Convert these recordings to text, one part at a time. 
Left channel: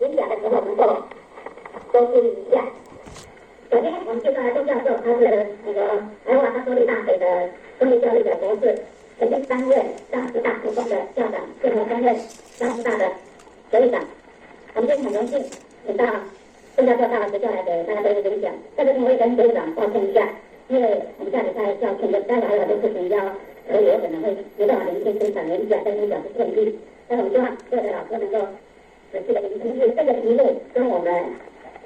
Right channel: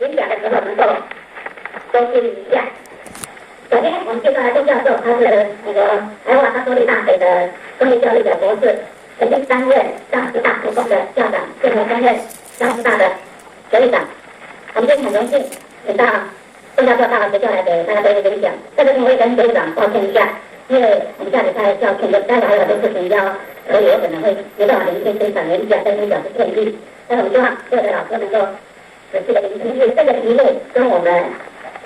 演讲的时候能够多注意一下。首先，我们介绍的钟教授，他是那个台湾多利大学的公立教育的博士，曾经担任上师大附中的校长，现在担任上师大的学长。我们今天很荣幸请到钟教授到了学校来给大家做一个演讲。在这边我也跟学长抱歉一下，因为我们下礼拜校庆的，待会还有很多事情要处理，我可能会没办法连线分享演讲，跟您表示歉意。但是我们希望各位老师能够仔细的聆听，因为这个题目跟我们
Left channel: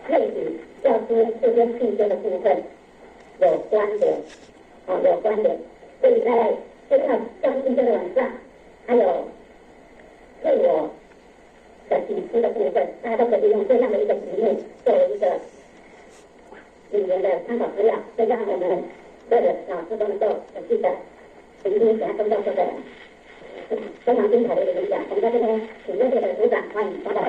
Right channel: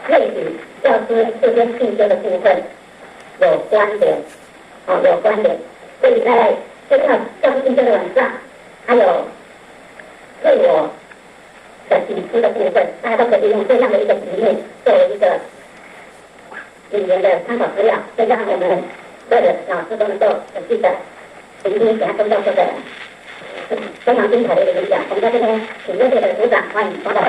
类比教师这边进修的部分有关联，有关联。所以在这个教师进修的晚上，还有自我的提出的部分，大家都可以用这样的一个题目作为一个语言的参考资料，所以让我们所有的老师都能够仔细的聆听给他钟教授的非常精彩的一个演讲。我们在这边请热烈的鼓掌，欢迎钟教授。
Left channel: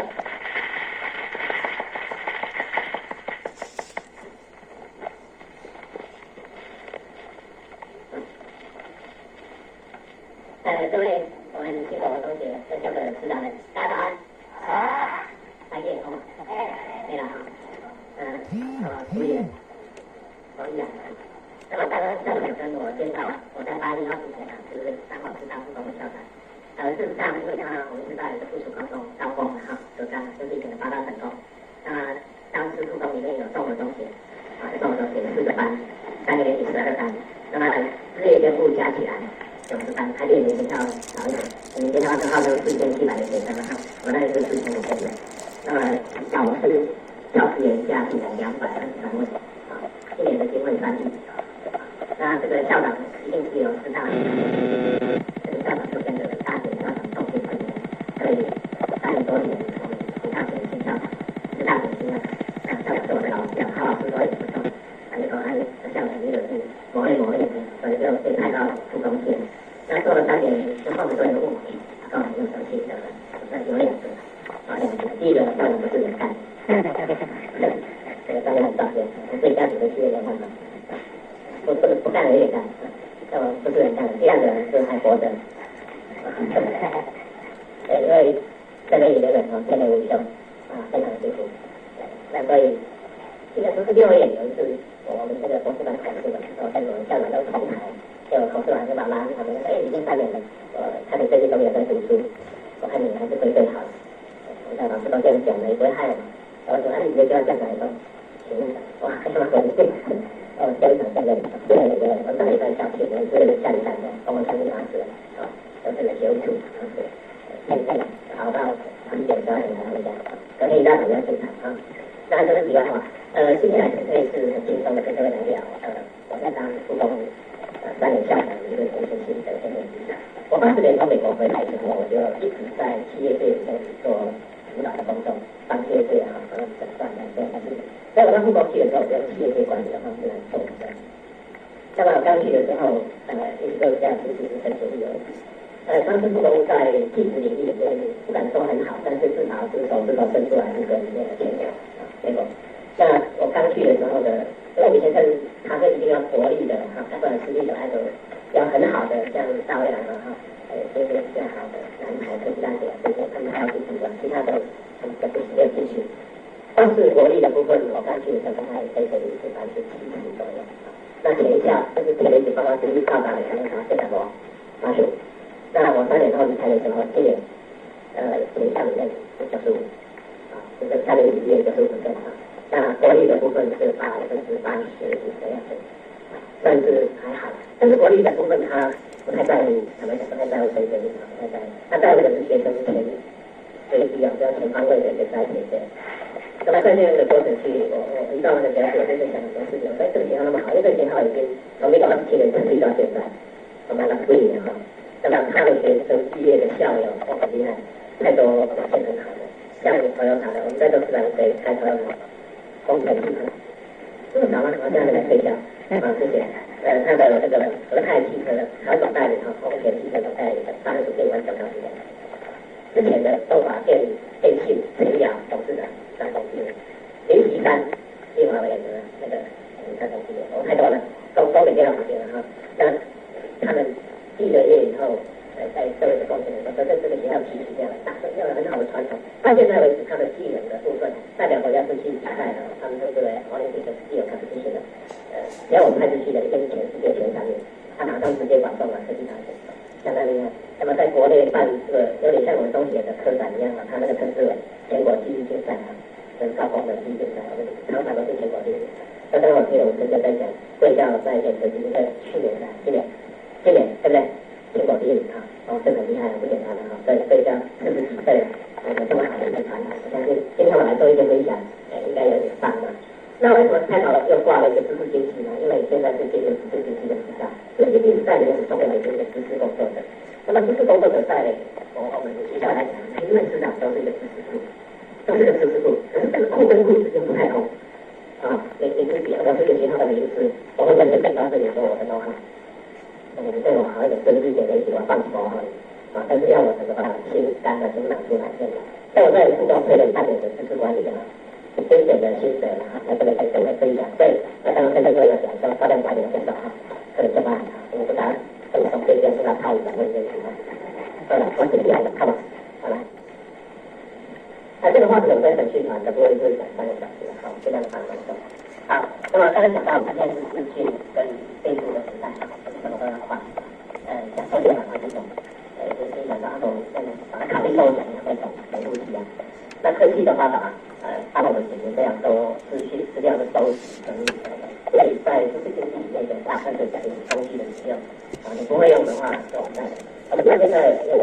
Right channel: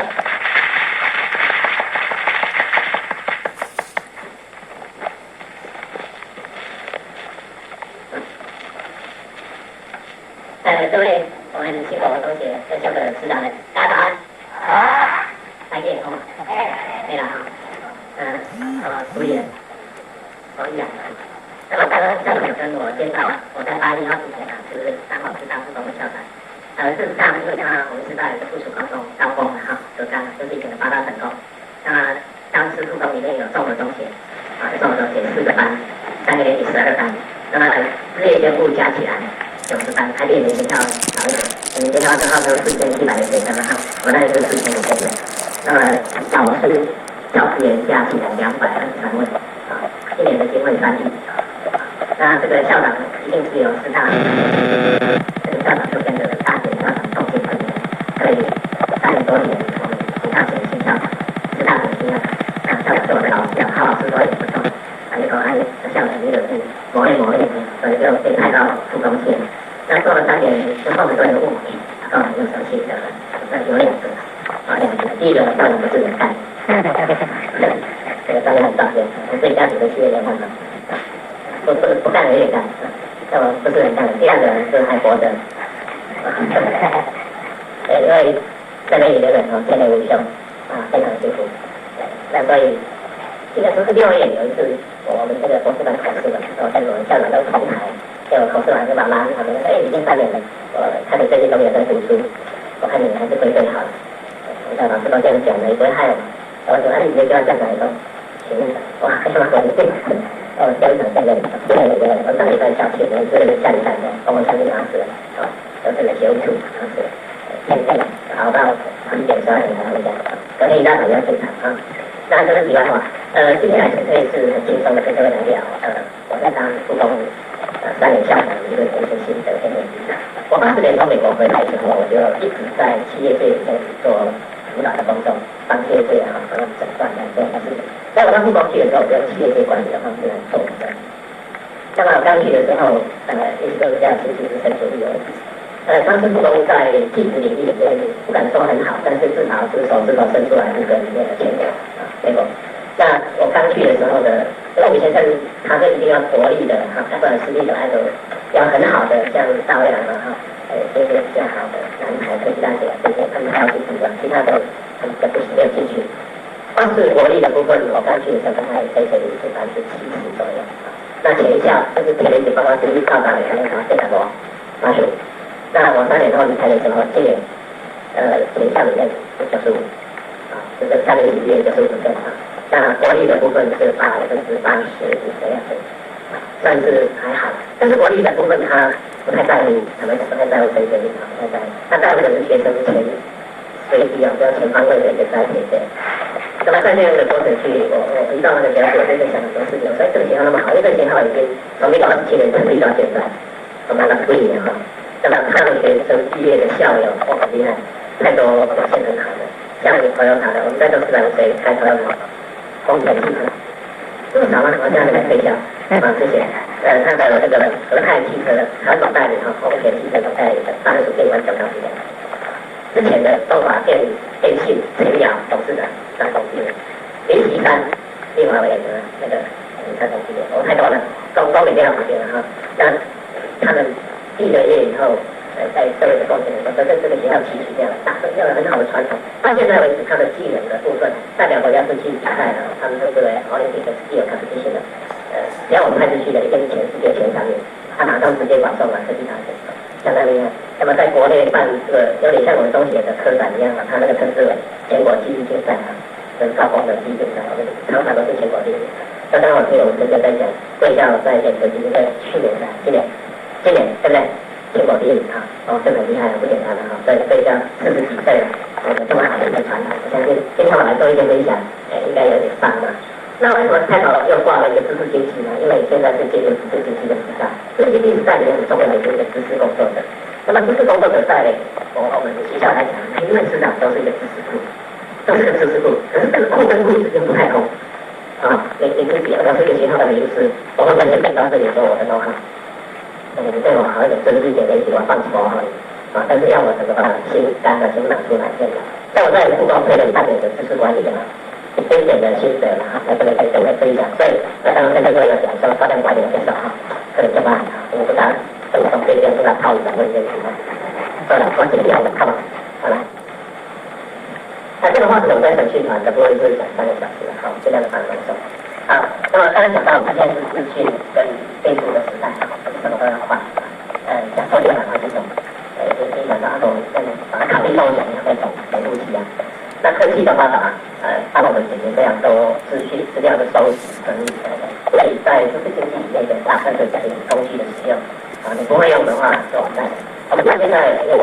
各位我们新国同学、优秀的师长们，大家早安。好，大家好。对了哈，注意了，我讲。那么刚刚校长有跟我介绍，我在8月1号之前是3号师大附中的校长。事实上，因为我们师大有个附属高中高工哈，就是以前的8大成功。那当时附中里面有综合中学，综合中学4个班，3个年级12班，那么日夜兼顾加起来90班，还比你们学校少一点。你们学校正好都4700的学生哈，我那里是4500人。那么小学是教师员加起来223位，今年的经费3亿。那这个校长一定是有师大，这个校长就跟着大学校长共进3年，所以3年多年，我们其他学新校长，师大的新校长，那校长是我的老师，好老师说也不错，以后校长也有去磨练，所以就被派到附中去。那做了3年之后，都有问题，然后又生气的，那有2个，第一个校长不是人干，这个大家很抱歉，我自己家里的企业人干嘛？不干了也干，那么不是人干的。第2个就是还活着，因为在那里的人天天无休，非常辛苦。那所以记得是6月有一次，我们这个博士班考试的时候，跟我们校长都同台，结果考试完就把拉去旁边说：“已经3年了，我看你最近都没有在读书，我看你还是归队好了。”校长是都这样讲的，也不会害我。我说：“你没叫他站起来说，行，哇，还是蛮稳定。”教育长现在我上礼拜校庆，我是下礼拜的，跟我上礼拜是都是那些务处，是现在熬到11点12点才回家，隔天一大早要进场那这个题外话，接下来可以是很轻松的跟各位来聊，我在当附中3年校长的一个人生心得跟问题。我80年从美国回来之后，我就一直在企业界里面做辅导的工作，帮企业界诊断等这样的事情。在我到附中去的时候，我就企业界管理的方式来做的。那么我刚去的时候，意思就是这样，其实是很主力而已。当时附中在技术领域里面不敢说很好，但是至少是手伸出来一个里面的前途结果。那我刚去的时候的，因为我们先生他是一定要国立的他不然私立的还有要很好的，像大卫这些比较好的南台科技大学这些，他们还要去读的，其他的他们不是没有进去。光是国立的部分，我刚去的时候大概可以是70%左右。那前校就是前年包括独立考大的那个非常多，85。那我3年后离开的时候，今年前校里面是95，就是3年里面95%。那国立的部分是80%这样子，算是还好。但是国立的部分他不太在乎，不太在乎成绩，不太在乎。他在乎的是学生前学习就要全方位的一个栽培的。那么在这样的过程去，我一到那个学校，我就在想很多事情。所以这个学校那么好，因为这个学校已经从1927年成立到现在，我们了11年哈。那么他们学生毕业的校友很厉害，太多表现很好的，像朋友好的，我们在座400岁开头要工程系统，这么少吗？我现在在推销这些，看到有这个和泰汽车的传统代理丰田汽车总代理的30岁完整到这样。之前的中华电信陈鸟董事长当董事长，林锡山另外一个那个当董事长，我太多了，都没这样旁边了那他们毕了业以后，在社会的贡献的时候，这个学校其实这样打有了很好的传统。到现在为止，它的技能的部分，代表国家是去比赛了，他们称之为 Olympic Skill Competition 的。只要我们派出去的，一定是世界前3名，他马上直接保送了科技大学，相当厉害。那么在国内办这个有点像我们中学的科展一样啊，他那个称之为全国技艺竞赛啊，跟高中的技艺竞赛，常常都是全国第一。那刚好听我们这边在讲，贵校在建科技在去年的今年对不对？全国第一啊，这很厉害，不简单的哈。所以贵校40几岁了，我们这么好的一个传统，我相信今天我来做一些分享，应该有点棒啊。那为什么开头又挂了一个知识经济呢？因为现在是进入知识经济的时代，知识经济时代里面很重要的一个知识工作者。那么知识工作者在我们学校来讲，因为市场都是一个知识库，都是个知识库，可是这个库跟库之间不太通。你自己要是一个学校的名师，我会先到这里说我的都好，对我好一点，甚至一点点喜欢放松而已但是要我整个把心肝的先拿出来这样。在我这里不光推了半年的知识管理一点点的心得在这里跟各位分享。所以当然跟各位讲说高量管理的介绍可能就把我不大分享这边是来套一下问题算了，我尽量的看吧，好来。这个话题我们在审讯团的部分就是讲3个小时，尽量的放松。好，那么刚才讲到我们现在是资讯跟备注的时代，什么都要快。讲说就讲到这种，就是讲到把它考虑梦想那种维护器啊。那科技的话帮我们解决非常多资料的收集整理所以在知识经济里面的大部分的工具的使用你不会用的话就完蛋了。我们现在有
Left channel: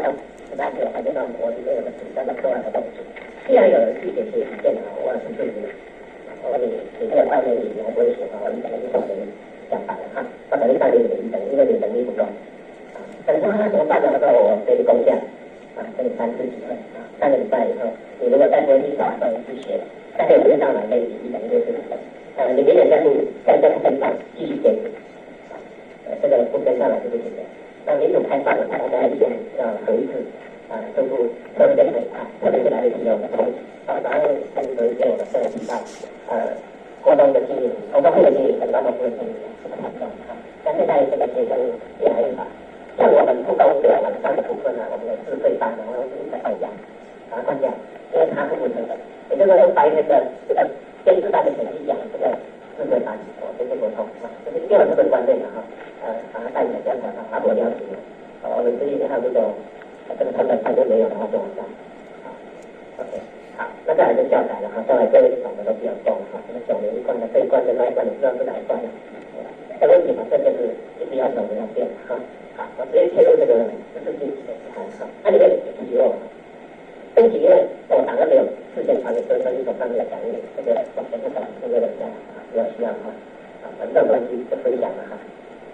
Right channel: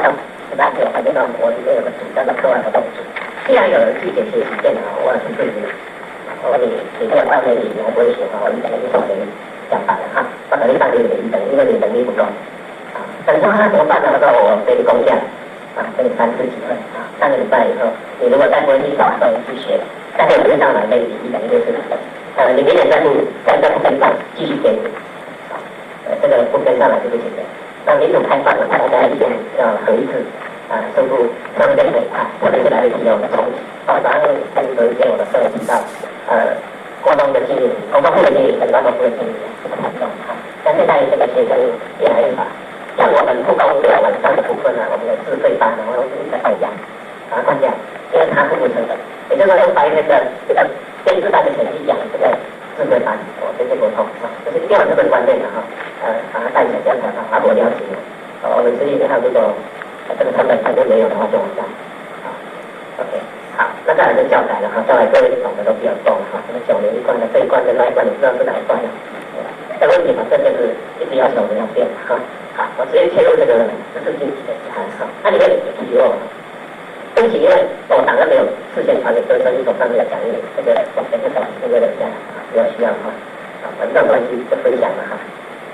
大家有看到我里面有个组叫做课外活动组。既然有人去解学习电脑，我是对你，你跟我半年里我不会学我1等于少给你讲反了我等于半年1等，因为你能力不够等于说怎么办呢？我给你工价给你3次机会3个礼拜以后，你如果再不会去找人去学，再会跟上来给你1等于60分你明年再不跟上，继续给你这个不跟上来就不行的。那民主开放了，大家一定要合一致。收入相对很快，特别是来自于我们从早上跟有一些我的涉及到国中的经历、国中部的经历跟高中部的经历是不太重但现在这个学生越来越少，像我们不公的晚上的部分我们的自费班我们是一个放假放假，因为它不成本，也就是说用白天的这个跟自班的成绩养这个自费班，这些沟通这是第2个很关键的把它带起来，这样才把我了解我们自己还有这种。这个成本肯定没有的话就完蛋。OK， 好，那再来就教材了教材各位懂的都比较重这个9年1贯的这一贯跟那一贯，你知道是哪一贯的？这个问题这就是一直要求的要变好，我直接切入这个知识经济的题材那里面有提问对不起，因为我档案没有事先传给各位，所以手上没有讲义，这个我等一下这个人家如果需要的话反正关系就分享了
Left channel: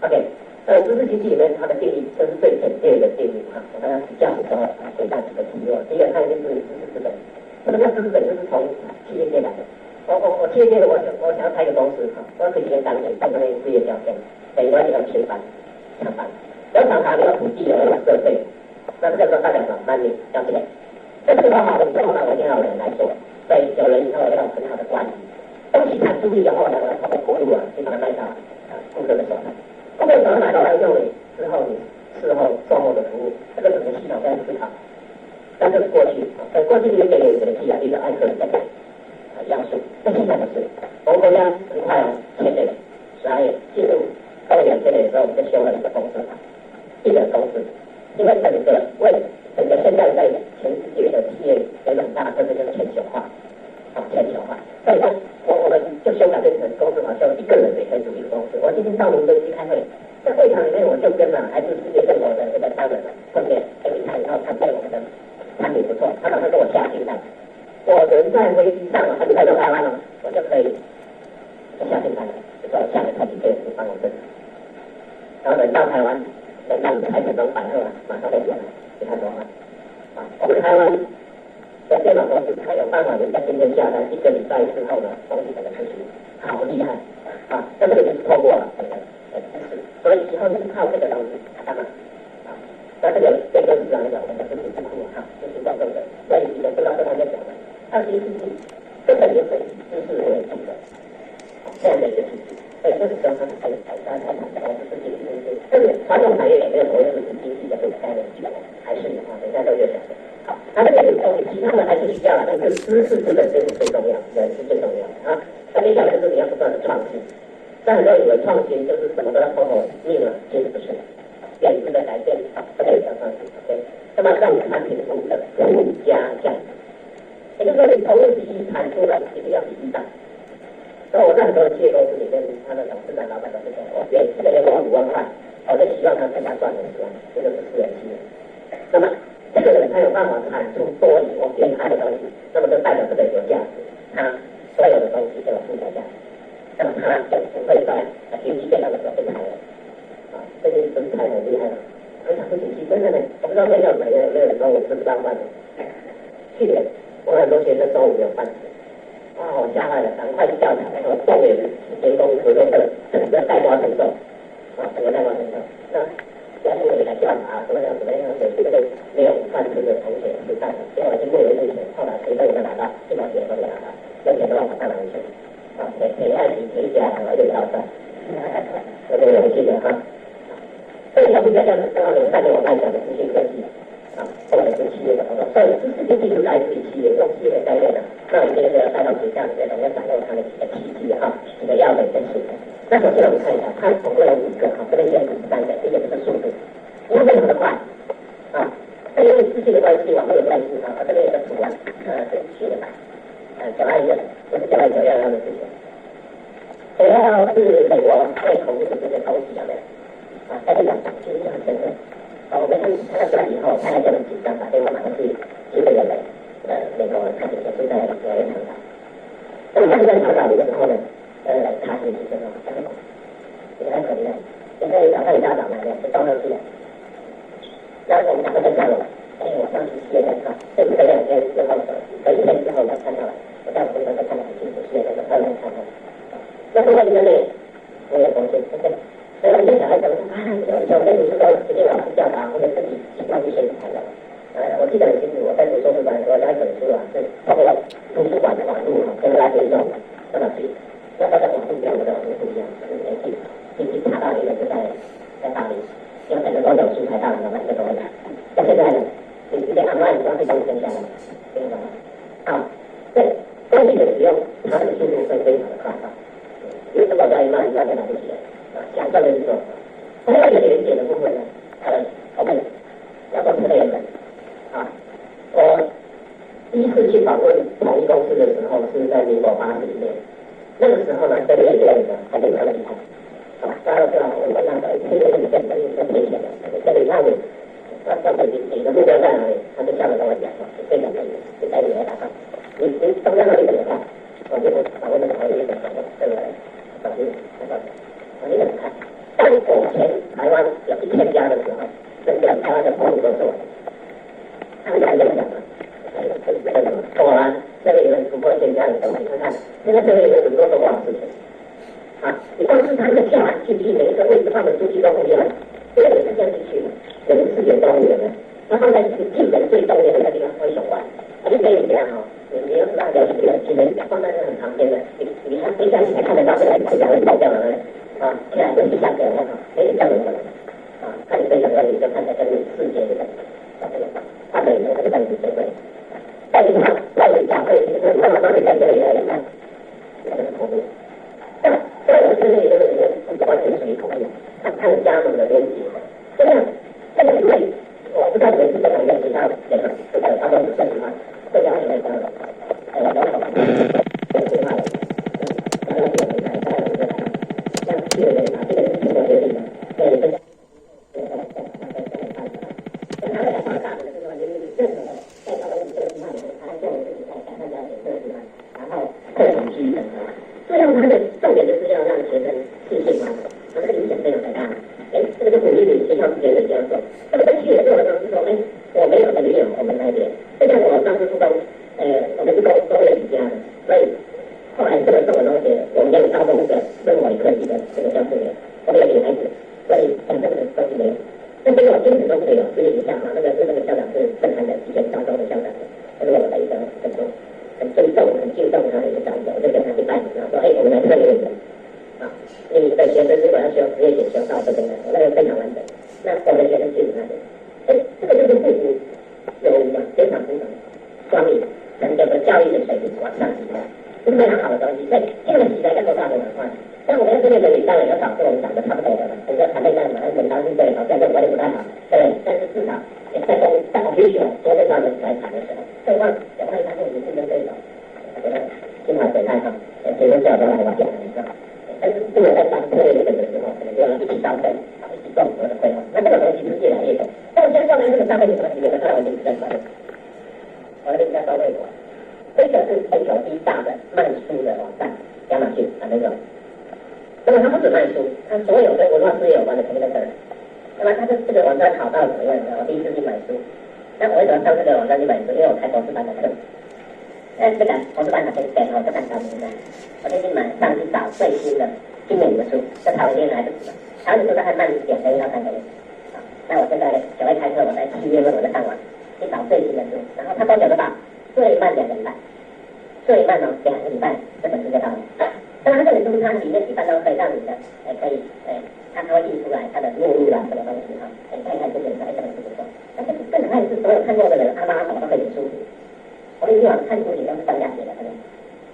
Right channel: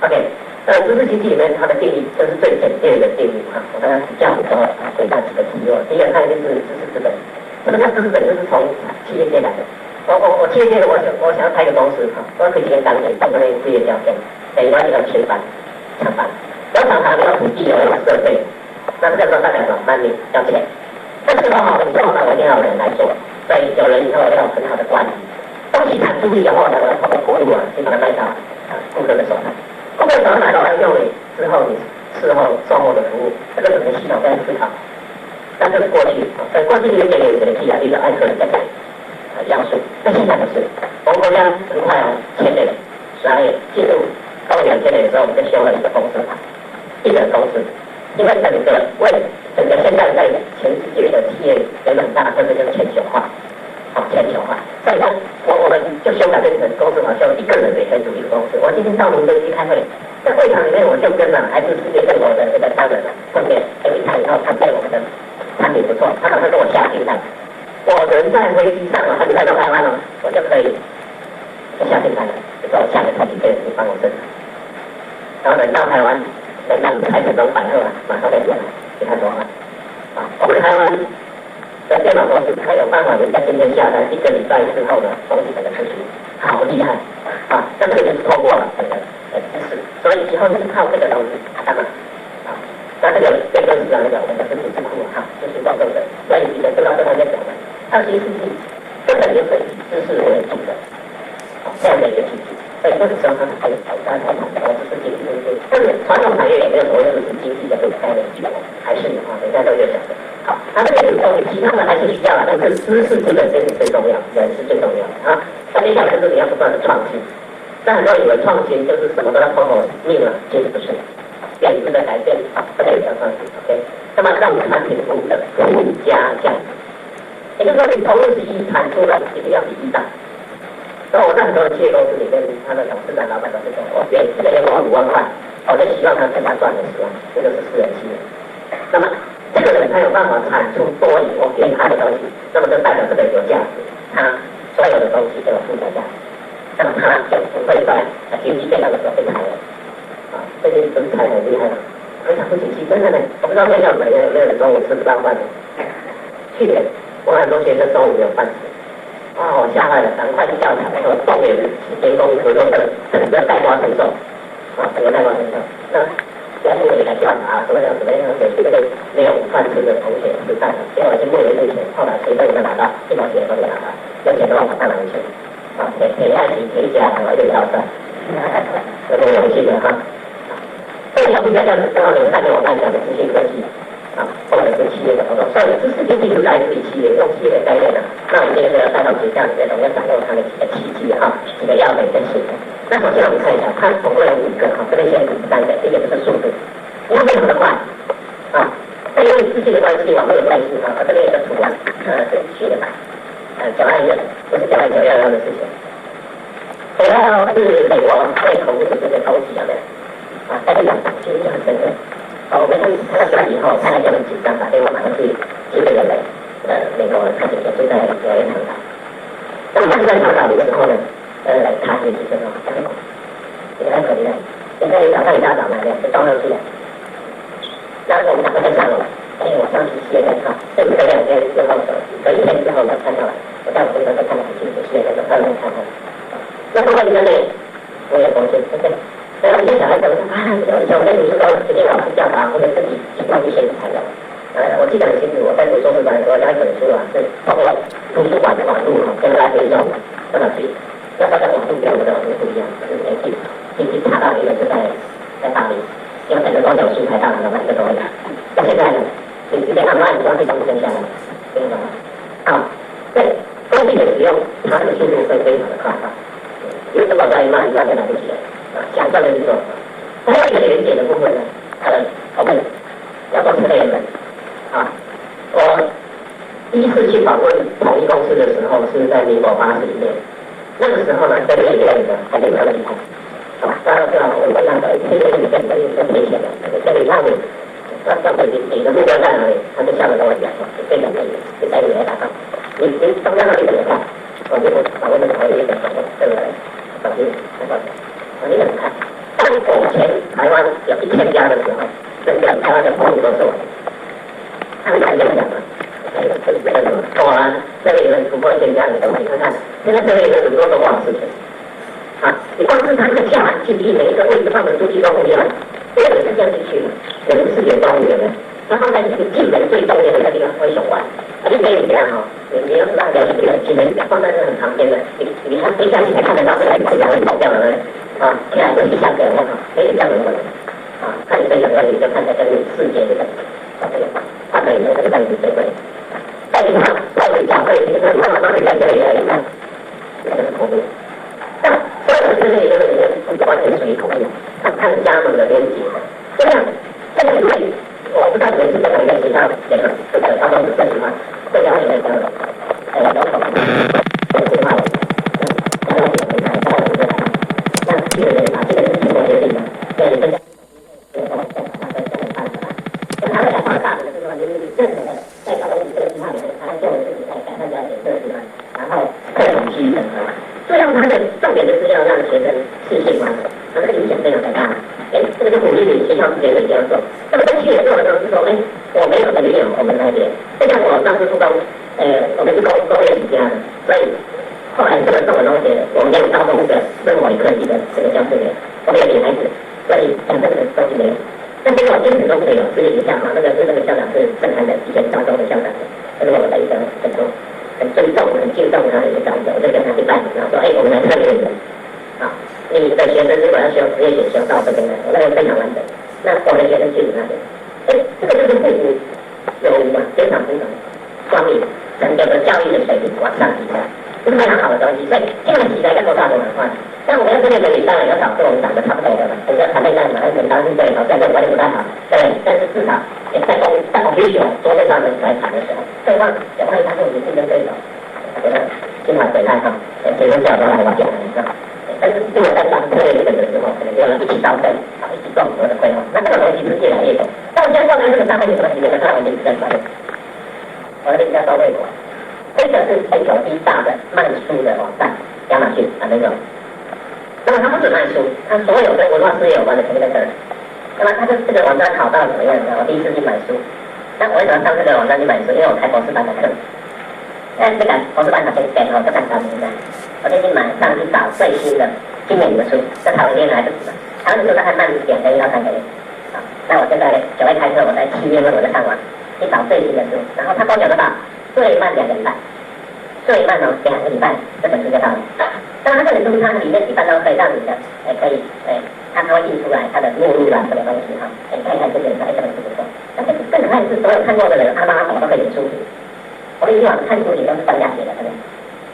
OK。知识经济里面它的定义就是最简便的定义我刚刚讲的时候回答几个题第一个看就是知识资本，什么叫知识资本？就是从企业界来的。我企业界的我想要开一个公司我可以先当人，当个事业条件，等于说你要全班、抢班，要厂房要土地要设备，那这个时候大概怎么办？你要钱，那这个好的，你通常我一定要有人来做，所以有人以后要很好的管理，东西产出以后呢，我要透过国路先把它卖到顾客的手上。顾客手上买到用你之后，你事后售后的服务，这个整个系统非常思考。但这是过去，过去有一点有一个技一个爱客人在讲要素，但现在不是。我们国家很快签了12月进入高2000年的时候，我们就修了一个公司法，一个公司，因为整个为整个现在在全世界的企业有很大的特色就是全球化。全球化，所以说我们就修改变成公司法，修一个人也可以组一个公司。我今天到民生去开会，在会场里面我就跟还是世界各国的这个商人碰面，有一场以后他对我们的产品不错，他马上跟我下订单。我人在飞机上很快到台湾我就可以下订单了，就说我下个产品可以帮我生产。然后等到台湾，等到开始中反后马上就给他说我们台湾。在电脑公司，他有办法人家今天下单，1个礼拜之后的东西整个出去，好厉害这个就是透过了整个知识，所以以后就是靠这个东西干嘛那这个对公司来讲，我们的知识智库就是广东的，所以你们知道这方面讲的，20世纪这肯定是以知识为主的这样的一个体系。所以这个时候它还有挑战，我只是经济因素，但是传统产业也没有所谓的经济的这个概念去，还是啊，人家都有讲的。好，那这个其他的还是需要的，但是知识基本这是最重要，人是最重要的啊。那接下来就是你要不断的创新。那很多人以为创新就是什么都要通过命了，其实不是。变质的改变，这个也叫创新。OK， 那么让产品服务的附加价值，也就是说你投入是一，产出了一定要比一大。然后我在很多的企业公司里面，他的董事长、老板都是说，我给这个员工5万块，我就希望他跟他赚了10万，这个是私人企业。那么这个人他有办法产出多于我给他的东西，那么就代表这个有价值，他所有的东西都有附加价值，那么他就不会在经济变动的时候被裁员。啊，这些人才很厉害了，非常不景气，真的呢。我不知道现在有没有人中午吃不到饭的。去年我很多学生中午没有饭吃。哇，我吓坏了，赶快去调查，说动员员工合作社整个带瓜承受，啊，整个带瓜承受。那学校也来调查，怎么样给这个没有饭吃的同学吃饭，结果去募了一堆钱，后来谁都没拿到，1毛钱都没拿到，有钱都往上拿去，啊，给爱情赔家，然后又要饭，这个游戏的哈。这条不加价的，刚好有看见我刚才讲的资讯科技。啊，或者是企业的活动，所以知识经济是来自于企业，用企业的概念呢，那我们今天就要带到学校里面，我们要掌握它的几个契机哈，几个要点跟系统。那首先我们看一下，它总共有5个哈，这边先3个，第一个就是速度，因为非常的快啊，那因为资讯的关系，网络的关系啊，这边有个图案，是去的吧，921不是921的事情，921是美国会投资这个投资的啊，但是其实很深刻。我们看到出来以后，大家就很紧张，打电话马上去这个人美国他姐姐就在纽约长岛。那么他就在长岛的时候呢，他也是这种香港，也很可怜。现在早上一大早来的，就撞上去了。然后我们打算就上楼，我上去歇着哈，这2天就放手，隔1天之后我看到了，我在我这边看得很清楚，歇着就到那看看。那后来呢，我也发现，对不对？然后有些小孩子说啊，有的女生说直接老师调查，或者自己去逛一些材料。我记得很清楚，我在读硕士班的时候，有一本书啊，是包括图书馆的网路跟来回用多少去，那大家网路跟我的网路不一样，就是去查到一个是在大理，用整个光脚书才到了，这个东西。那现在呢，你直接按按你要去东西下来，对吗？好，对，工具的使用，它的速度会非常的快啊，因为这么慢就来不及了。想象的这种，还有一个连接的部分呢，我们要做这个人啊。我第一次去访问统一公司的时候是在民国80年，那个时候呢，这个里面的还没有那么厉害，好吧？大家知道我们那个这个里面更危险的，这里让你你的目标在哪里，他就下面跟我讲说，这个你在里面打仗，你中央那里怎么办？我就访问的时候有一点访问，对不对？访问，你怎么看？当以前台湾有1000家的时候，整个台湾的公路都是我的。他们讲讲嘛，我啊，这里有突破1000家的东西，看看，现在这里有很多都不好事情。啊，你光是它的价距离每一个位置放的出去都不一样，这个是这样进去的，我们4点钟有的，然后呢，进门最中间的那个地方会手弯，就可以这样哈。你要是大家只能放在这很旁边的，你看飞下去才看得到这个是两个跑掉了呢。啊，现在是下个人哈，可以这样子的啊，看你的眼光你就看得跟世界这个这个换了以后这个样子对不对？再一看，再一讲会，你看慢慢的在这里来看，这个是恐怖。那所有的这些就是完全属于恐怖，看加盟的连接，就这样。这个因为我不知道你们是在哪个学校这个高中正常吗？这了解这个这个话。这个人把这个是中国决定的，这里分享，他的想法大的就是说，就是任何的在搞到这个地方里面，他做的自己在改善这样的设计嘛，然后各种基因整合，这样他的重点的资料让学生信息化，这个影响非常的大。这个就鼓励你学校之间的这样做。那么跟去年做的时候是说，我没有没有我们那边，就像我当时初中，我们是工业起家的，所以。后来这个这么东西，我们有高中的生物科技的这个教室员，我们有女孩子，所以讲这个东西没有。但结果坚持都没有，私立学校嘛，那个校长是正常的，以前高中的校长，这是我的一个成功。很尊重、很敬重他的一个长者，我就跟他去拜，然后说，我们来看这个人，你的学生如果要修职业选修到这边来，我那个非常完整。那我的学生去你那边，这个就是互补有无嘛，非常双赢，整个的教育的水平往上提升，这是非常好的东西。所以这样起来要多大的文化？像我们要跟那个女当然要找跟我们长得差不多的嘛，整个团队在嘛，文当是对，在这个管理不太好，对，但是至少在必须桌面上面来谈的时候，对方万一他是我们竞争对手，觉得今晚回来哈，谁能找到来我讲的？但是如果在当策略本的时候，可能就要一起烧灯，一起共和的规划，那这个东西是越来越多。但我现在说的这个大会有什么里面的大环境是在哪里？我的名叫高卫国，这个是全球第一大的卖书的网站，亚马逊那种。那么它不止卖书，它所有跟文化事业有关的全部在这儿。那么它这个网站好到怎么样呢？我第一次去买书，那我为什么上这个网站去买书？因为我开博士班的课。那这个博士班的先选我就看到现在，我最近上去找最新的今年的书，那台湾边来不及了，台湾的书大概慢1点1到3个月。那我就在9月开课，我在7月份我就看完，去找最新的书，然后他跟我讲得到，最慢2个礼拜，最慢2个礼拜这本书就到了。当然，它这本书它里面基本都可以让你的，可以，它会印出来它的目录啊，什么东西哈，你看一看这个这本书不错。那这个更可爱的是，所有看过的人，阿妈都可以写书评。我们以往看书评都是专家写的，对不对？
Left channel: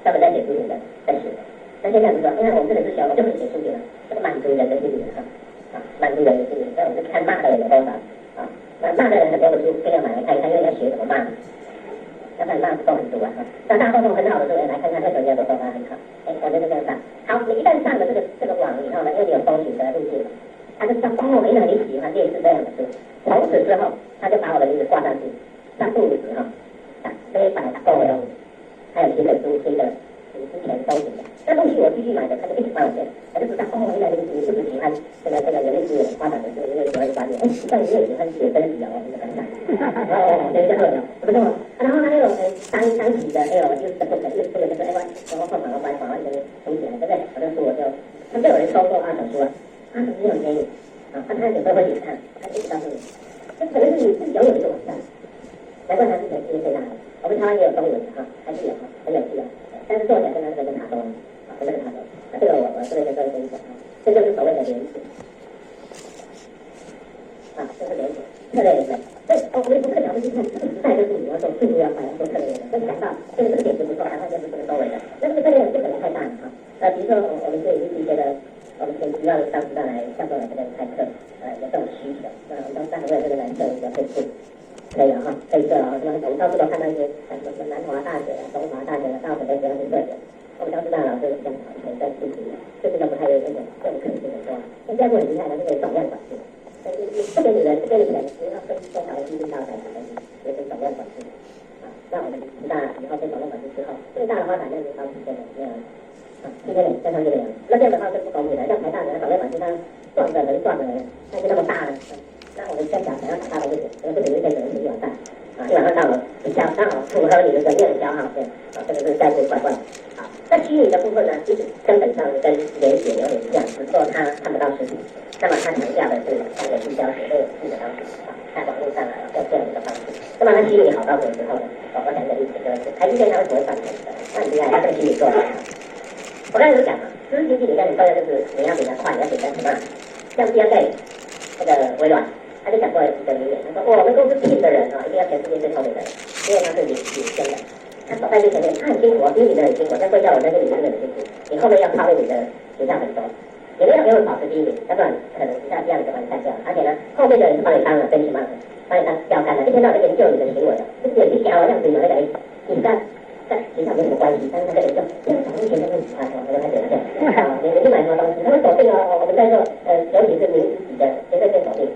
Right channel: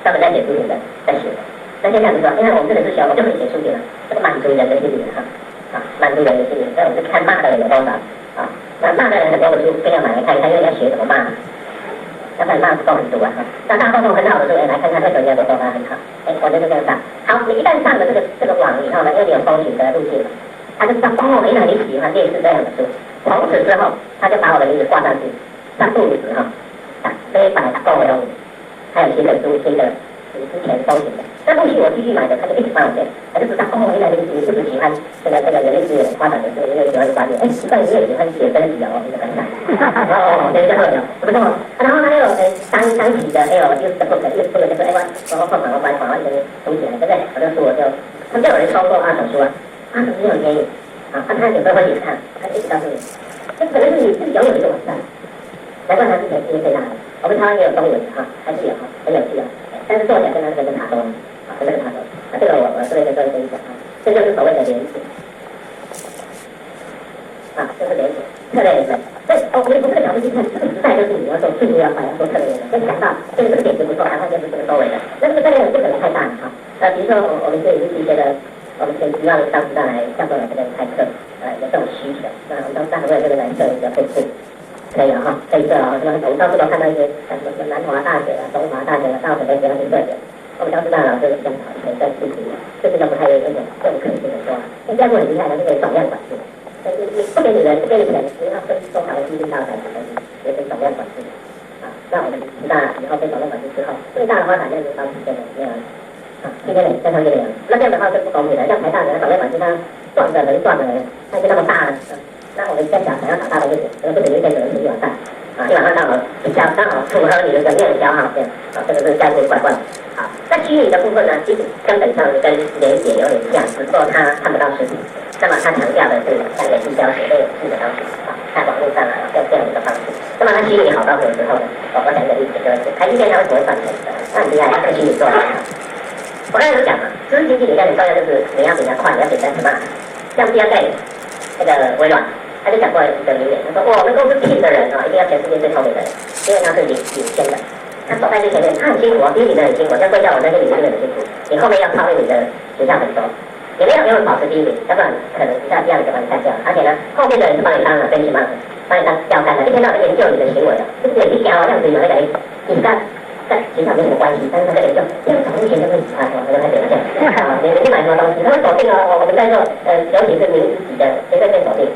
专门在写书评的，在写的。那现在不是，因为我们这本书小，我就可以写书评了，这个满足人的心理哈，满足人的心理。所以我们是看骂的人有多少啊？那骂的人很多，我就非要买来看一看，因为要学怎么骂。要不然骂不够很多啊！那大放送很好的时候，来看看为什么人家都说他很好。我就是这样上。好，你一旦上了这个网以后呢，因为你有搜寻的路径嘛，他就知道原来你喜欢类似这样的书。从此之后，他就把我的名字挂上去，3不5时哈，非法购买，还有新的书，新的你之前搜寻的。那陆续我继续买的，他就一直帮我荐，他就知道原来你是不是喜欢这个人力资源发展的这个，因为喜欢管理，奇怪你也喜欢写分析哦，你就很惨。对，就会有，不错。然后还有当期的，就是不能就是我放网关一个东西来，对不对？我就说他们就有人抽过2手书啊，2手书很便宜啊，他有时候会也看，他一直告诉你，这可能是你自己拥有一个网站，难怪他之前经济最大的。我们台湾也有中文哈，还是有哈，很有趣的。但是作者跟他跟塔东啊，跟塔东啊，这个我这边跟各位分享啊，这就是所谓的连结啊，就是连结，策略连结。所以我们从这个角度去看，这个时代就是你要做速度要快，要做策略连结。就想到这个点子不错，然后就是这个收尾的，那这个策略不可能太大了哈。比如说我们这里是一些的，我们前期让当时来教授这个开课，有这种需求，那我们当时为了这个来设一个分数。可以哈，可以这什么？我们到处都看到一些什么南华大学中华大学到什么学校去设的。我们当时老师讲好，可以在事情，这是叫不太有那种这种可能性的说，新加坡很厉害的，是可以总量管制。但是你不给你人，不给你钱，你要分多少的基金到才什么东西，也是总量管制。那我们知道以后被总量管制之后，最大的发展就是当时这种那样。今天再上这个样，那这样的话是不公平的。像台大的总量管制，它赚的能赚的，它就那么大了。那我们在想要长大的日子，不等于变成一碗饭一碗饭刚好符合你的能量消耗这样这个是这样子怪怪的。好，那虚拟的部分呢，其实根本上跟连结有点像，只不过它看不到实体。那么它强调的是像人性教学类似的东西在网络上用这样一个方式。那么它虚拟好到什么时候呢？我讲一个例子，就是台积电它为什么会赚钱？那很厉害，它可以虚拟做得很好。我刚才有讲嘛，知识经济里面很重要就是你要比较快，你要比较smart。像第二代这个微软。他就讲过一个名言，他说：“我们公司聘的人一定要全世界最聪明的人，因为他是领先的。他走在最前面，他很辛苦比你们很辛苦。像贵校我在这里真的很辛苦，你后面要超越你的学校很多，你没有永远保持第1名，要不然可能学校第2名就把你干掉。而且呢，后面的人是帮你当benchmark，帮你当标杆的，一天到晚研究你的行为的，就是你讲好像子有一个你跟学校没什么关系，但是他在研究，因为早之前就会他就开始这样，你去买什么东西，他会锁定我们在做尤其是您自己的绝对被锁定。”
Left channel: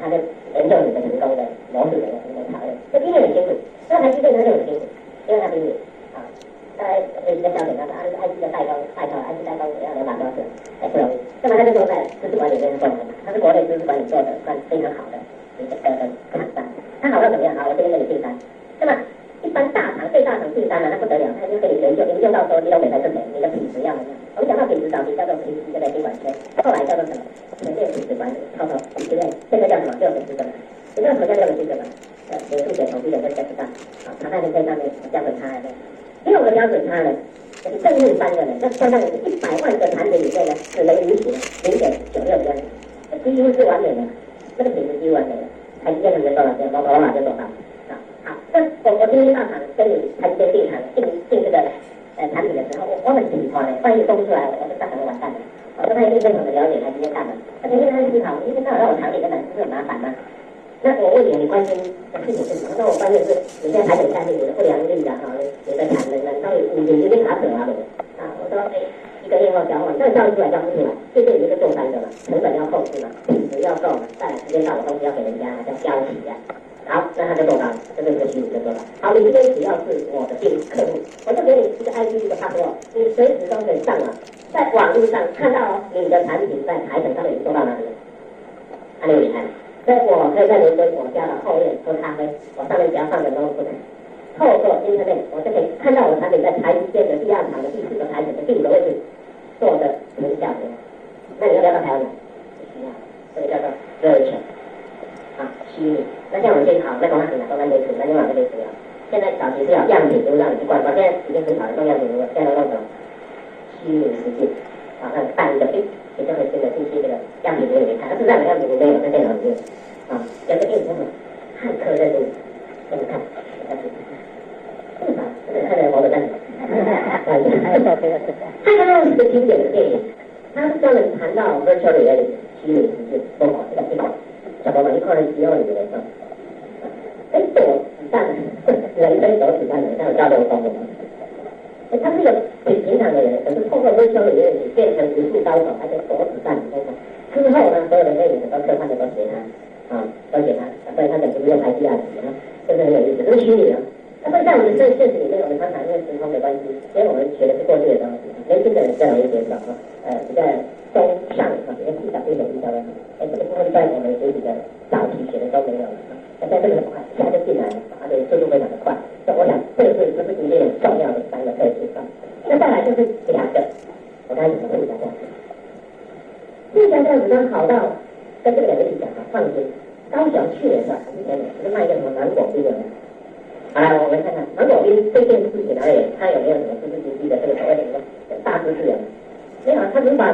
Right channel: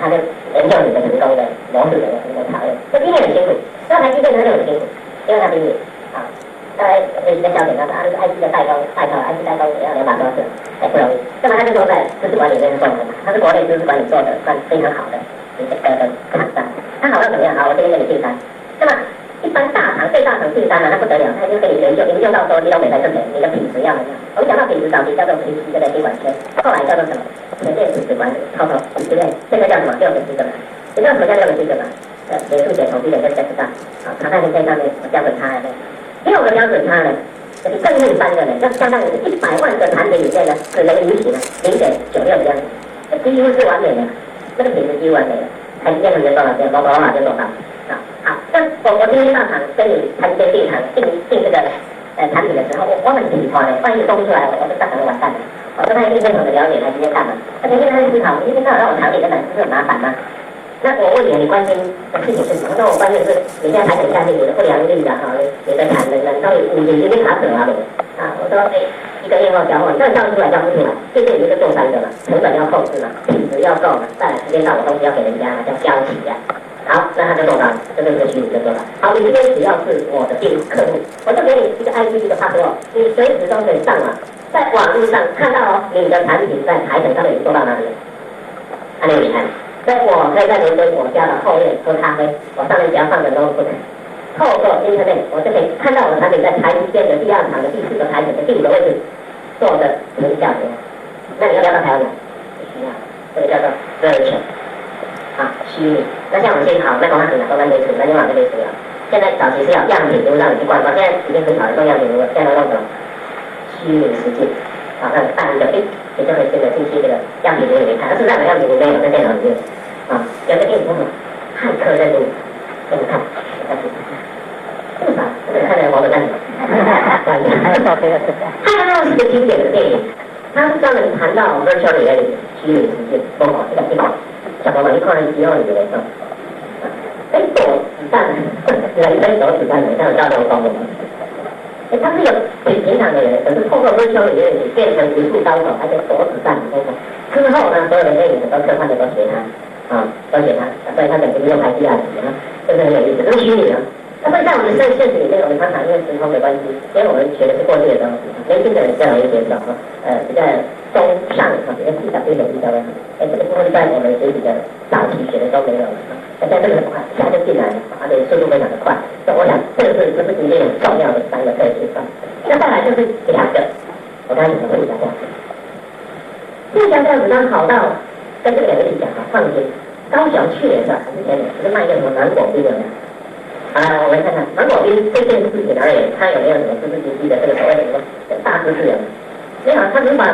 他就研究你的成功的模式的成功讨论，这第一很辛苦，那台积电他就很辛苦，因为他比你一个焦点，他是 IC 的代工，IC 代工也要200多次，不容易。那么他就说在知识管理这边做得很好，他是国内知识管理做的算非常好的一个厂商。他好到怎么样？好，我这边给你订单。那么一般最大厂订单呢，那不得了，他就给你研究到说你都没在这边，你的品质要怎么样？我们讲到品质早期叫做 PC 这个监管圈，后来叫做什么？全面品质管理，之类，现在叫什么？6个基本嘛。你知道什么叫6个基本吗？美术写、统计写跟知道。好，常在你这上面标准差的。6个标准差呢，就是正负3个呢，要相当于100万个产品里面呢，可能允许呢0.96的样子，几乎是完美的，这个品质几乎完美的。台积电能多少钱？包括就多少啊？好，那我今天到场跟你台积电订这个产品的时候，我很紧张的，万一公布出来，我就大可能完蛋了。我对他一定非常的了解，台积电干嘛？他每天在思考，一天到晚让我调解根本不是很麻烦吗？那我问你，你关心的事情是什么？那我关心的是你现在产品下去，你的不良率啊，你的产能到底5年已经卡死了啊？我说一个验货交货，你到底交出来交不出来？这是你就做3个嘛，成本要控制嘛，品质要够嘛，再来时间到我东西要给人家叫交期啊。好，那他就做到了，这个虚拟就做到。好，你今天只要是我的客户，我就给你一个 IP 一个 password，你随时都可以上网，在网络上看到你的产品在台城上面已经做到哪里了，很厉害。所以我可以在伦敦我家的后面喝咖啡，我上面只要放着 notebook，透过 internet 我就可以看到我的产品在台积电的第2场的第4个台城的第5个位置做的成效怎样。那你要不要到台湾来？不需要，这个叫做 virtual。啊，虚拟。那像我们现在好，那公司都跟类似，那就往这类似了。现在早期是要样品，让你去逛逛，现在已经很少人用样品了，现在用什么？虚拟实境。好，那办一个，你就会这个进去这个样品屋里面看，但是那个样品屋没有在电脑里面。啊，有个电影叫什么？骇客任务，给你看，这么少，看人活得干什么？骇客任务是个经典的电影，它是专门谈到 virtual reality 虚拟实境，这个地方。小朋友一块肌肉里面的，躲子弹，人生躲子弹的，像叫这种方法。他是有比平常的人，可是透过 virtual 里面你变成武术高手，而且躲子弹，之后呢，所有的电影都科幻的都学他，都学他，所以他等于用台积啊，是不是很有意思？这是虚拟的。那么在我们现实里面，我们常常因为时空的关系，因为我们学的是过去的东西，年轻的人更容易接受，比较中上比较细小一点比较的。这个部分在我们学习的早期学的都没有，现在这个很快，一下就进来了，而且速度非常的快。所以我想，这是里面很重要的3个特质。那再来就是2个，我刚才讲的附加价值。附加价值它好到跟这个2个一起讲啊，放心。高雄去年是吧？还是前年，不是卖一个什么芒果冰的？好了，我们看看芒果冰这件事情而言，它有没有什么知识经济的这个所谓的什么大知识？没有，它只是把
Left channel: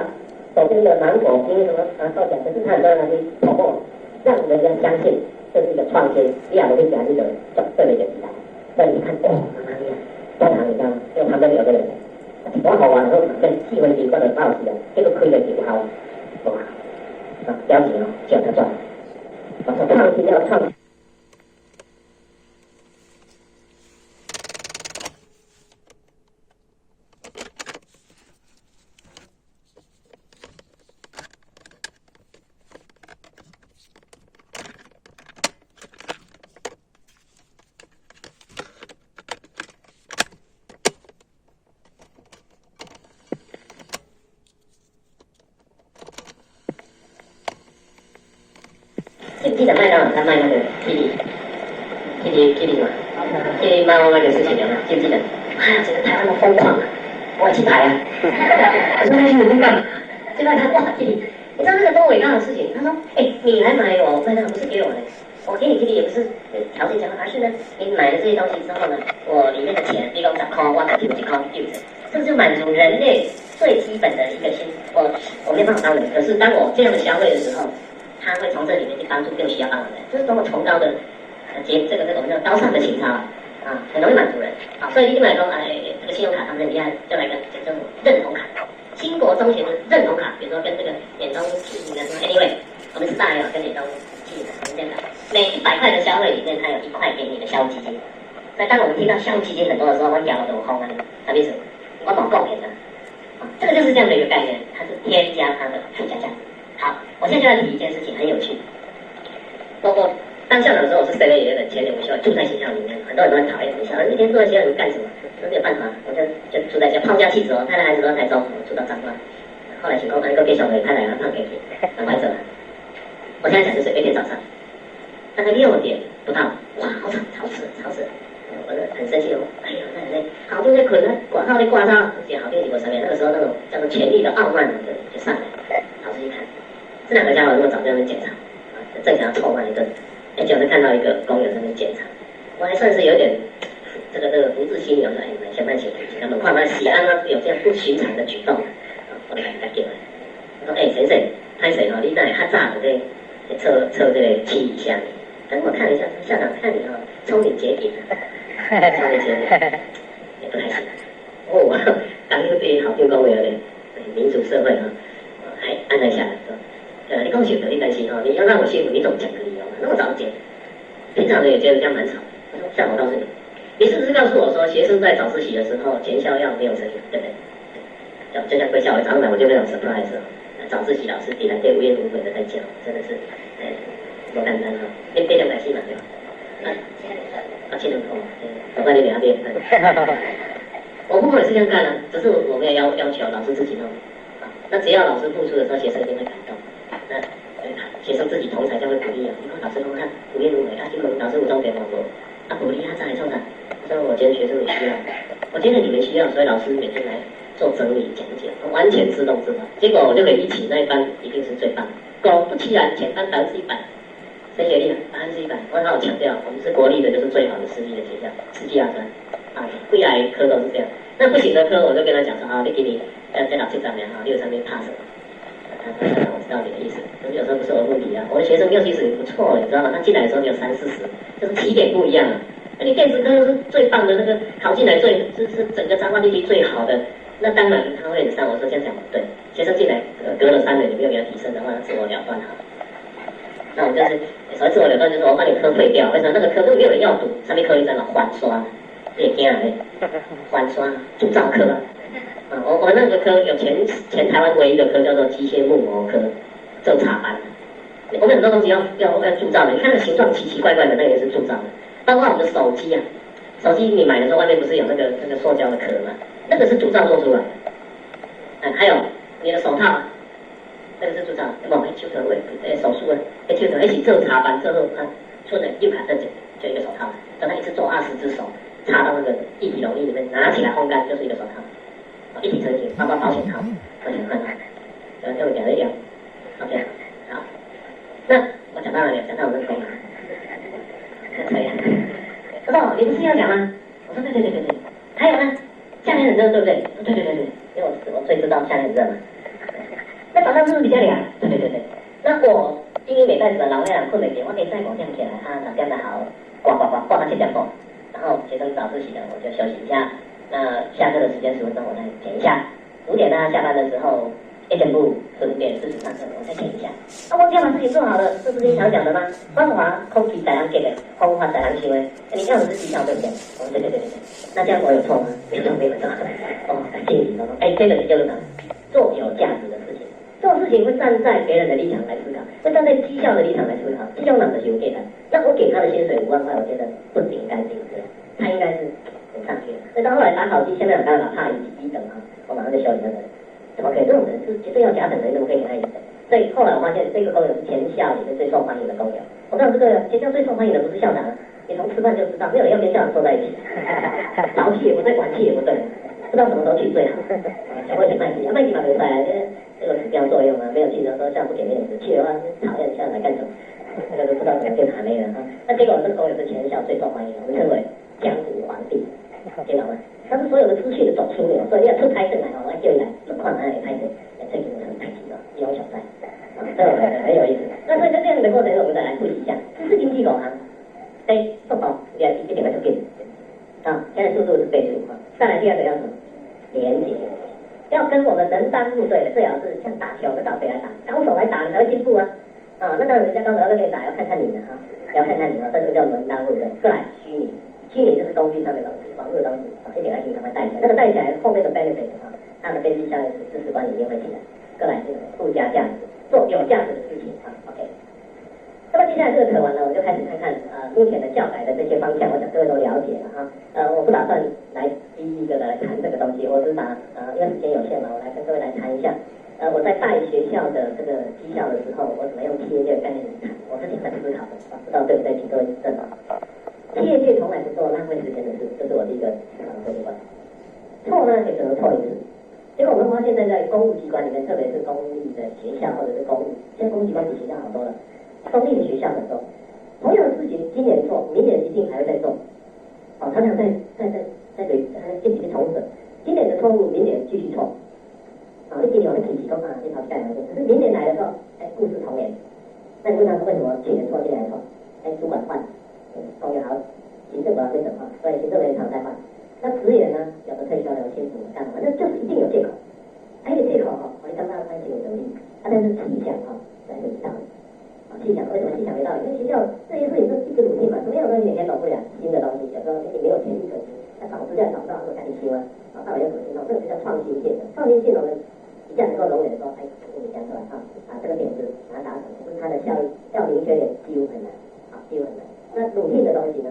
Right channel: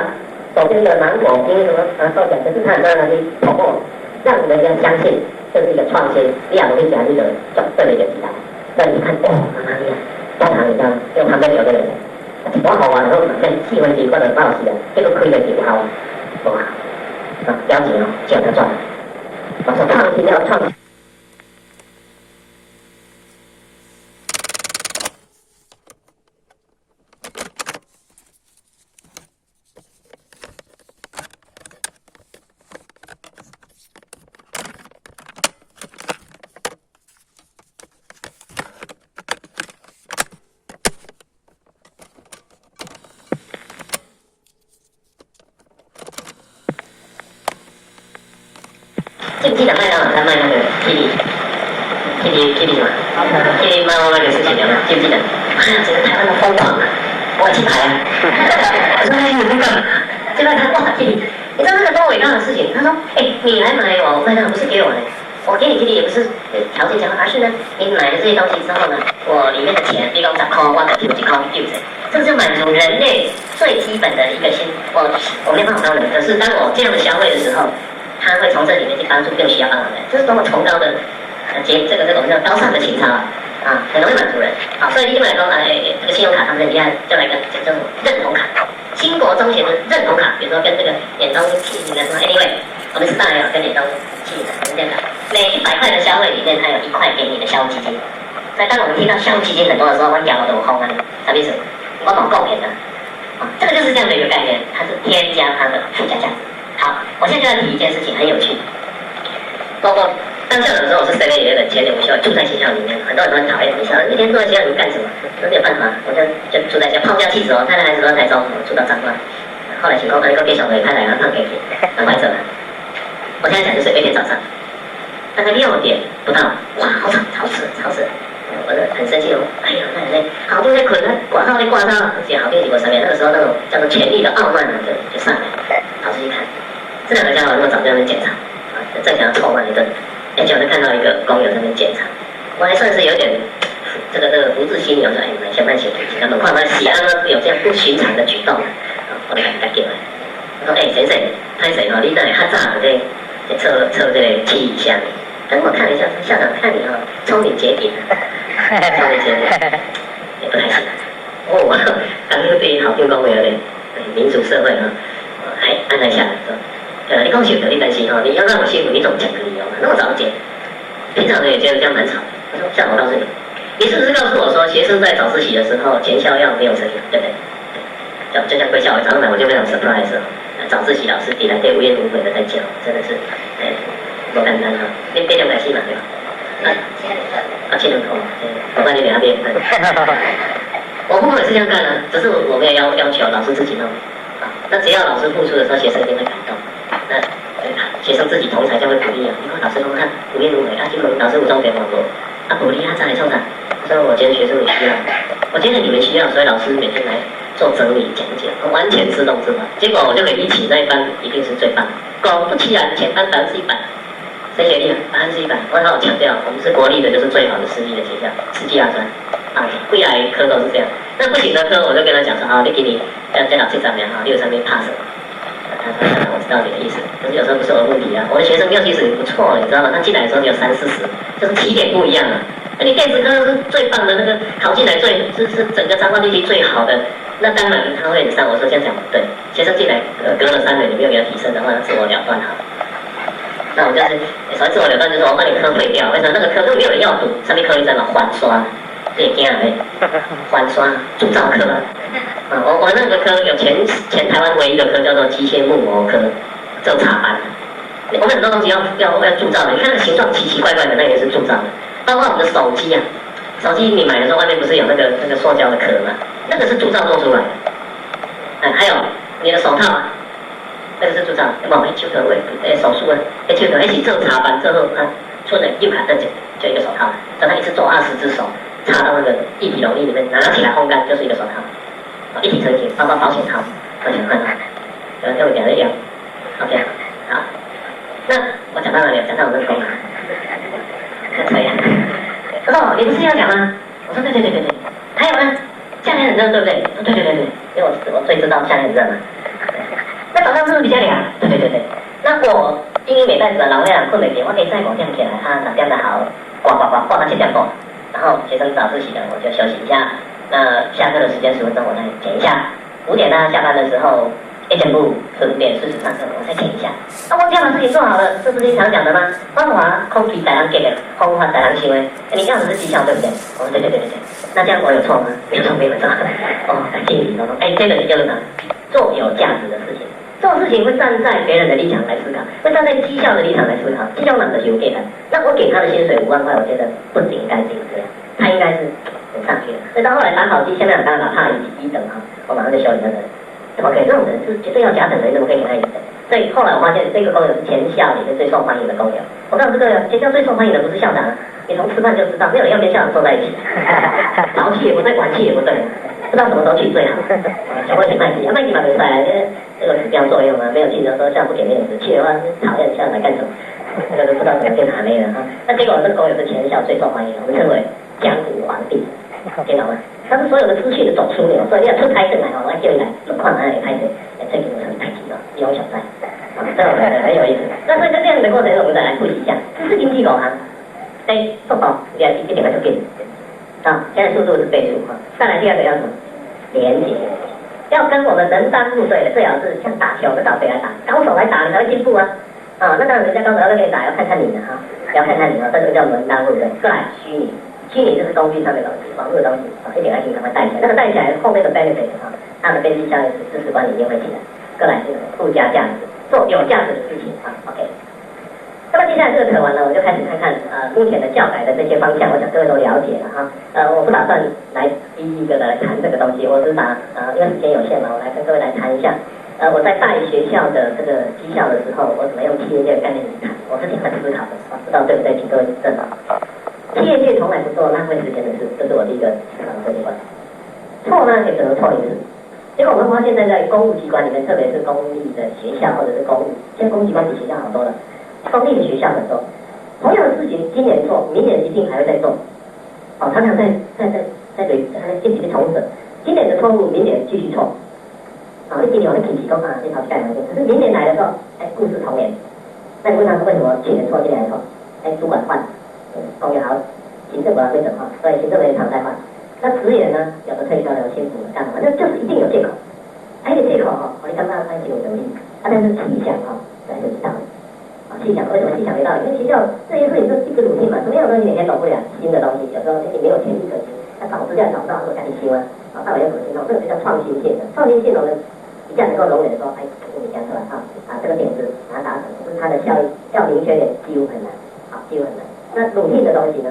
手边的芒果冰什么收起来，可是它很多东西透过让人家相信这是一个创新，量跟价值的转对的一个时代。那你看，妈妈呀，当场你知道，因为旁边有个人，多好玩，然后反正气氛习惯的报喜的，这个亏了几好，哇，标紧哦，就他赚了。我说创新要创新。记不记得麦当劳在卖那个 Kitty 什么？Kitty 猫那个事情有没有？记不记得？哎呀，整个台湾都疯狂了，我去排啊！我说有那个，结果他哇 Kitty，你知道那个多伟大的事情？他说，你来买我麦当劳不是给我的，我给你 Kitty 也不是条件交换，而是呢，你买了这些东西之后呢，我里面的钱，比如10块，我给你1块丢着，这个就满足人类最基本的一个我没办法帮人，可是当我这样的消费的时候。他会从这里面去帮助更需要帮忙的人，这是多么崇高的这个我们叫高尚的情操啊，很容易满足人。好，所以一般来说，这个信用卡他们人家就来一个这种认同卡，兴国中学的认同卡，比如说跟这个远东企业的说 ，anyway， 我们是大有跟远东企业的这样的，每100块的消费里面，它有1块给你的消费基金。所以当我们听到消费基金很多的时候，我讲我轰啊，什么意思？我搞贡献的，这个就是这样的一个概念，它是添加它的附加价值。好，我现在就要提一件事情，很有趣。包括当校长的时候，我是7-11的前年午休，住在学校里面，很多人都很讨厌学校，一天住在学校里面干什么？我没有办法，我就住在学校，抛家弃子哦，太太孩子都在台中，我住到彰化。后来情况一个变小回，太太要放给怀着了。我现在讲就是每天早上，大概6点不到，哇，好吵，吵死了。我就很生气哦，哎呀，太太，好多在捆了，挂号挂到，而且好几个上面，那个时候那种叫做权力的傲慢呢，就上来，跑出去看。这2个家伙那么早在那边检查，正想要臭骂一顿，结果就看到一个工友在那边检查，我还算是有点这个福至心里，我说哎，先慢写笔记，他们看看喜安呢有这样不寻常的举动，我就赶紧来，我说哎，先生，拍谁哦？你那里较早在测这个气一下，等我看一下，校长看你哦，聪明绝顶，聪明绝顶，也不太行。我刚刚对好听讲话咧，民主社会啊，还按了下来说。你讲幸福，你担心哦，你要让我幸福，你总讲个理由嘛，那么早讲。平常人也觉得这样蛮吵。我说，像我告诉你，你是不是告诉我说，学生在早自习的时候全校要没有声音，对不对？就像贵校早上来我就非常 surprise 哦，早自习老师底下对无言无悔的在教，真的是，不简单哈。你别两个戏嘛对吧？7人头，我帮你给他编。我父母也是这样干的，只是我没有要求老师自己弄。那只要老师付出的时候，学生一定会感动。那学生自己同才就会鼓励啊。你看老师说看无言无悔啊，结果老师有重点网络啊，鼓励他再来创啥？所以我觉得学生也需要，我觉得你们需要，所以老师每天来做整理讲解，完全自动自发。结果我就可以一起那一班一定是最棒，果不其然全班100%，升学率100%。我好强调，我们是国立的，就是最好的私立的学校，世纪大专啊，未来科都是这样。那不行的科，我就跟他讲说啊，你给你这老师上面啊，63名 pass 了。他说我知道你的意思，可是有时候不是我的问题啊。我的学生6、70也不错，你知道吗？他进来的时候只有30、40，就是起点不一样啊。那你电子科是最棒的那个，考进来是整个彰化地区最好的，那当然他会上。我说这样讲不对，学生进来隔了3年你没有给他提升的话，自我了断好。那我就是所谓自我了断，就是我把你科废掉，为什么那个科都没有人要读？上面科一在嘛换刷。这惊嘞，翻刷铸造科啊！我那个科有全台湾唯一的科叫做机械木模科，做插班。我们很多东西要铸造的，你看那形状奇奇怪怪的，那也是铸造的。包括我们的手机啊，手机你买的时候外面不是有那个塑胶的壳吗？那个是铸造做出来的。还有你的手套啊，那个是铸造的。有没有？手头手术啊，手头一起做插班之后啊，出了右卡正就一个手套，等他一次做20只手。插到那个一体容易里面，拿起来烘干就是一个手套，一体成型，包括保险套，保险套，跟我讲的一样。OK， 好，那我讲到哪里了？讲到我们的工啊，可以啊。哦，你不是要讲吗？我说对，还有呢，夏天很热，对不对？对，因为我最知道夏天很热嘛。那早上是不是比较凉？对。那我英语美代子啊，老两困没点，我可以再5点起来啊，6点才好，呱到7点过。然后学生早自习的我就休息一下，那下课的时间10分钟我再剪一下，5点大家下班的时候1剪布顺便40上课我再剪一下。那我这样把事情做好了，这不是你常讲的吗？方法空气在人给的，方法在人行为，你这样子是绩效对不对？我说对。那这样我有错吗？没有错。哦，感谢你，这个就是啥？做有价值的事情。做事情会站在别人的立场来思考，会站在绩效的立场来思考。绩效哪个是有给的？那我给他的薪水5万块，我觉得不应该是这样，他应该是上去的。所以到后来打考绩，下面当然怕1等哈，我马上就修理那个人。怎么可以？这种人是绝对要甲等的，你怎么可以给他1等？所以后来我发现这个工友是全校里面最受欢迎的工友。我告诉各位，全校最受欢迎的不是校长，你从吃饭就知道，没有人要跟校长坐在一起，早起也不对，晚起也不对。不知道什么时候去最好，小会请麦基，麦基嘛比赛，这个指标作用嘛，没有去的时候校不给面子，去的话讨厌校来干什么？这个都不知道怎么变塔妹了哈。那结果这个狗友是全校最受欢迎的，我们称为江湖皇帝，听懂吗？他是所有的资讯的总枢纽，所以你要出差进来哦，我叫你来轮框来拍摄，这个是太极了，有小赛，这种很有意思。那所以在这样的过程中，我们再来复习一下，这是经济狗行，速度一点就变。现在速度是倍数哈。再来第2个要什么？连结，要跟我们门当户对的，最好是像打球跟倒飞来打，高手来打你才会进步啊。那当然人家高手要跟你打，要看看你的哈，要看看你啊，这个叫门当户对。再来虚拟就是东西上面的东西，网络的东西一点爱心赶快带起来，那个带起来后面的 benefit 它的边际效应是知识管理一定会起来。再来是附加价值，做有价值的事情OK。那么接下来这个扯完了，我就开始看看目前的教改的这些方向，我想各位都了解了哈。我不打算来一个来谈这个东西，我只打因为时间有限嘛，我来跟各位来谈一下。我在带学校的这个绩效的时候，我怎么用企业界的概念去谈，我是挺会思考的，不知道对不对，请各位指正。企业界从来不做浪费时间的事，这是我第一个思考的习惯。错呢也只能错一次。结果我们发现在公务机关里面，特别是公立的学校或者是公务，现在公务机关比学校好多了。公立的学校很多，同样的事情今年做，明年一定还会再做。常常在在进行重整。今年的错误，明年继续错。你今年我的品质都这条盖完可是明年来的时候，故事重演。那你问他为什么去年错，今年来错？主管换，公园好，行政管规整化，所以行政人员常在换。那职员呢，有的退休了，有幸福了，干嘛？那就是一定有借口。这个借口我刚刚安有能力，但是细想才会知道。细想为什么细想没道理？因为学校这些事情都一直努力嘛，什么样的东西每天懂不了，新的东西有时候你没有前例可循，那找资料找不到，说赶紧修啊，到底要怎么修？这个就叫创新性的。创新性我们一下能够容忍说，你讲出来这个点子把它达成，可是它的效益要明确点，几乎很难，几乎很难。那努力的东西呢，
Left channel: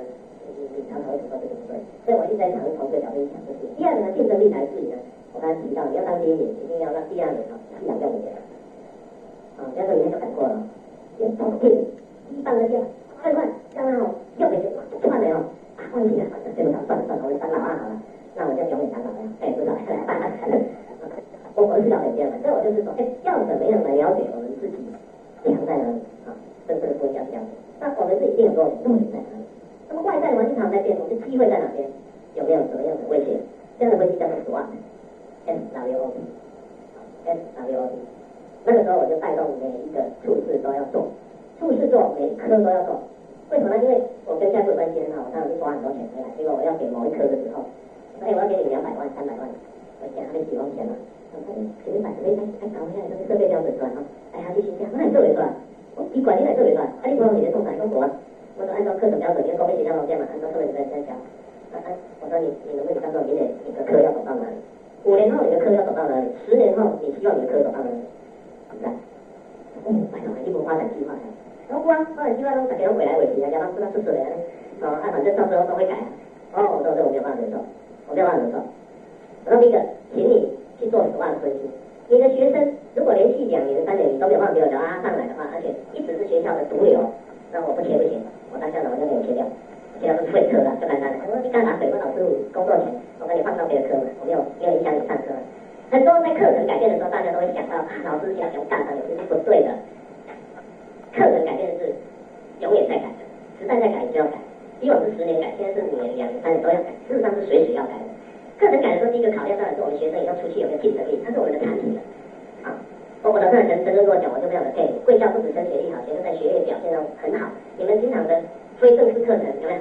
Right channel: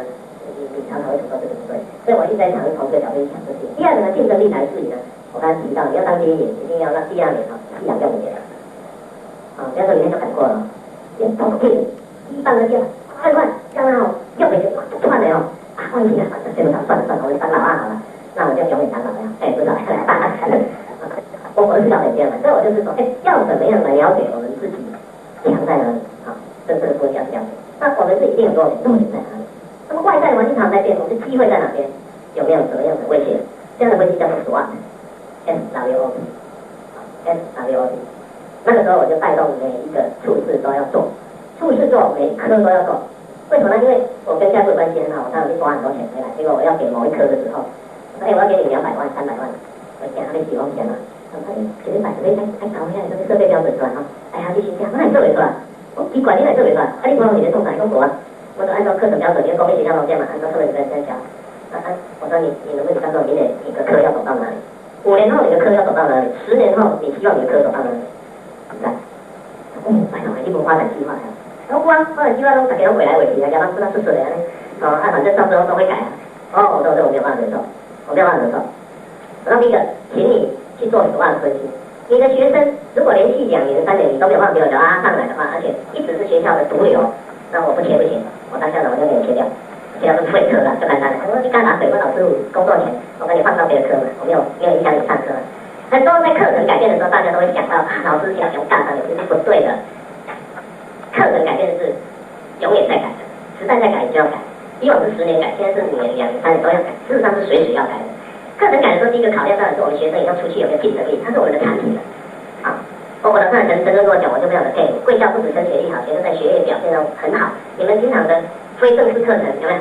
你常常会找到这个不对，所以我一直在尝试从这个角度去想这些。第二个呢，竞争力来自于呢，我刚才提到，你要当第一名，一定要让第二名是养用5年。不要说里面就改过了，都可以，一半的店快，让他用回去，不换了忘记了，这么长，算了，我就当老二好了，那我就永远当老二，不知道，我是要这样的，所以我就是说，要怎么样来了解我们自己强在哪里这个说要了解。那我们是一定有弱点在哪里？那么外在环境常在变，我们的机会在哪边？有没有什么样的威胁？这样的分析叫做 SWOT。那个时候我就带动每一个处事都要做，处事做每一科都要做。为什么呢？因为我跟教授关系很好，我当然去抓很多钱回来。结果我要给某一科的时候，我说我要给你200万、300万，我讲他们几万钱嘛。绝对百分之还搞一下这个设备标准出来他继续讲，那你做没出来？我你管你哪做没出来？你不让你的动产中国我说按照课程标准，因为公立学校都这样嘛，按照课程标准在教。我说你能不能告诉我明年你的课要走到哪里？5年后你的课要走到哪里？10年后你希望你的课走到哪里？拜托，你不发展计划呀？发展计划都大家都回来回去啊，加上不知道是谁的反正到时候都会改我说这我没有办法忍受，然后第一个，请你去做手腕分析。你的学生如果连续2年、3年你都没有办法给我拉上来的话，而且一直是学校的毒瘤，那我不切不行，我当校长我就给你切掉，切掉是废课了，就简单了。我说你干嘛？水问老师工作前，我把你放到别的科嘛，我没有影响你上课。很多在课程改变的时候，大家都会想到老师想用干啥，有些是不对的。课程改变是永远在改的，时代在改就要改。以往是10年改，现在是5年、2年、3年都要改，事实上是随时要改的。课程改的时候，第一个考量当然是我们学生以后出去有没有竞争力，它是我们的产品我的课程陈跟我讲，我就非常的佩服。贵校不止升学率好，学生在学业表现都很好。你们经常的非正式课程有没有？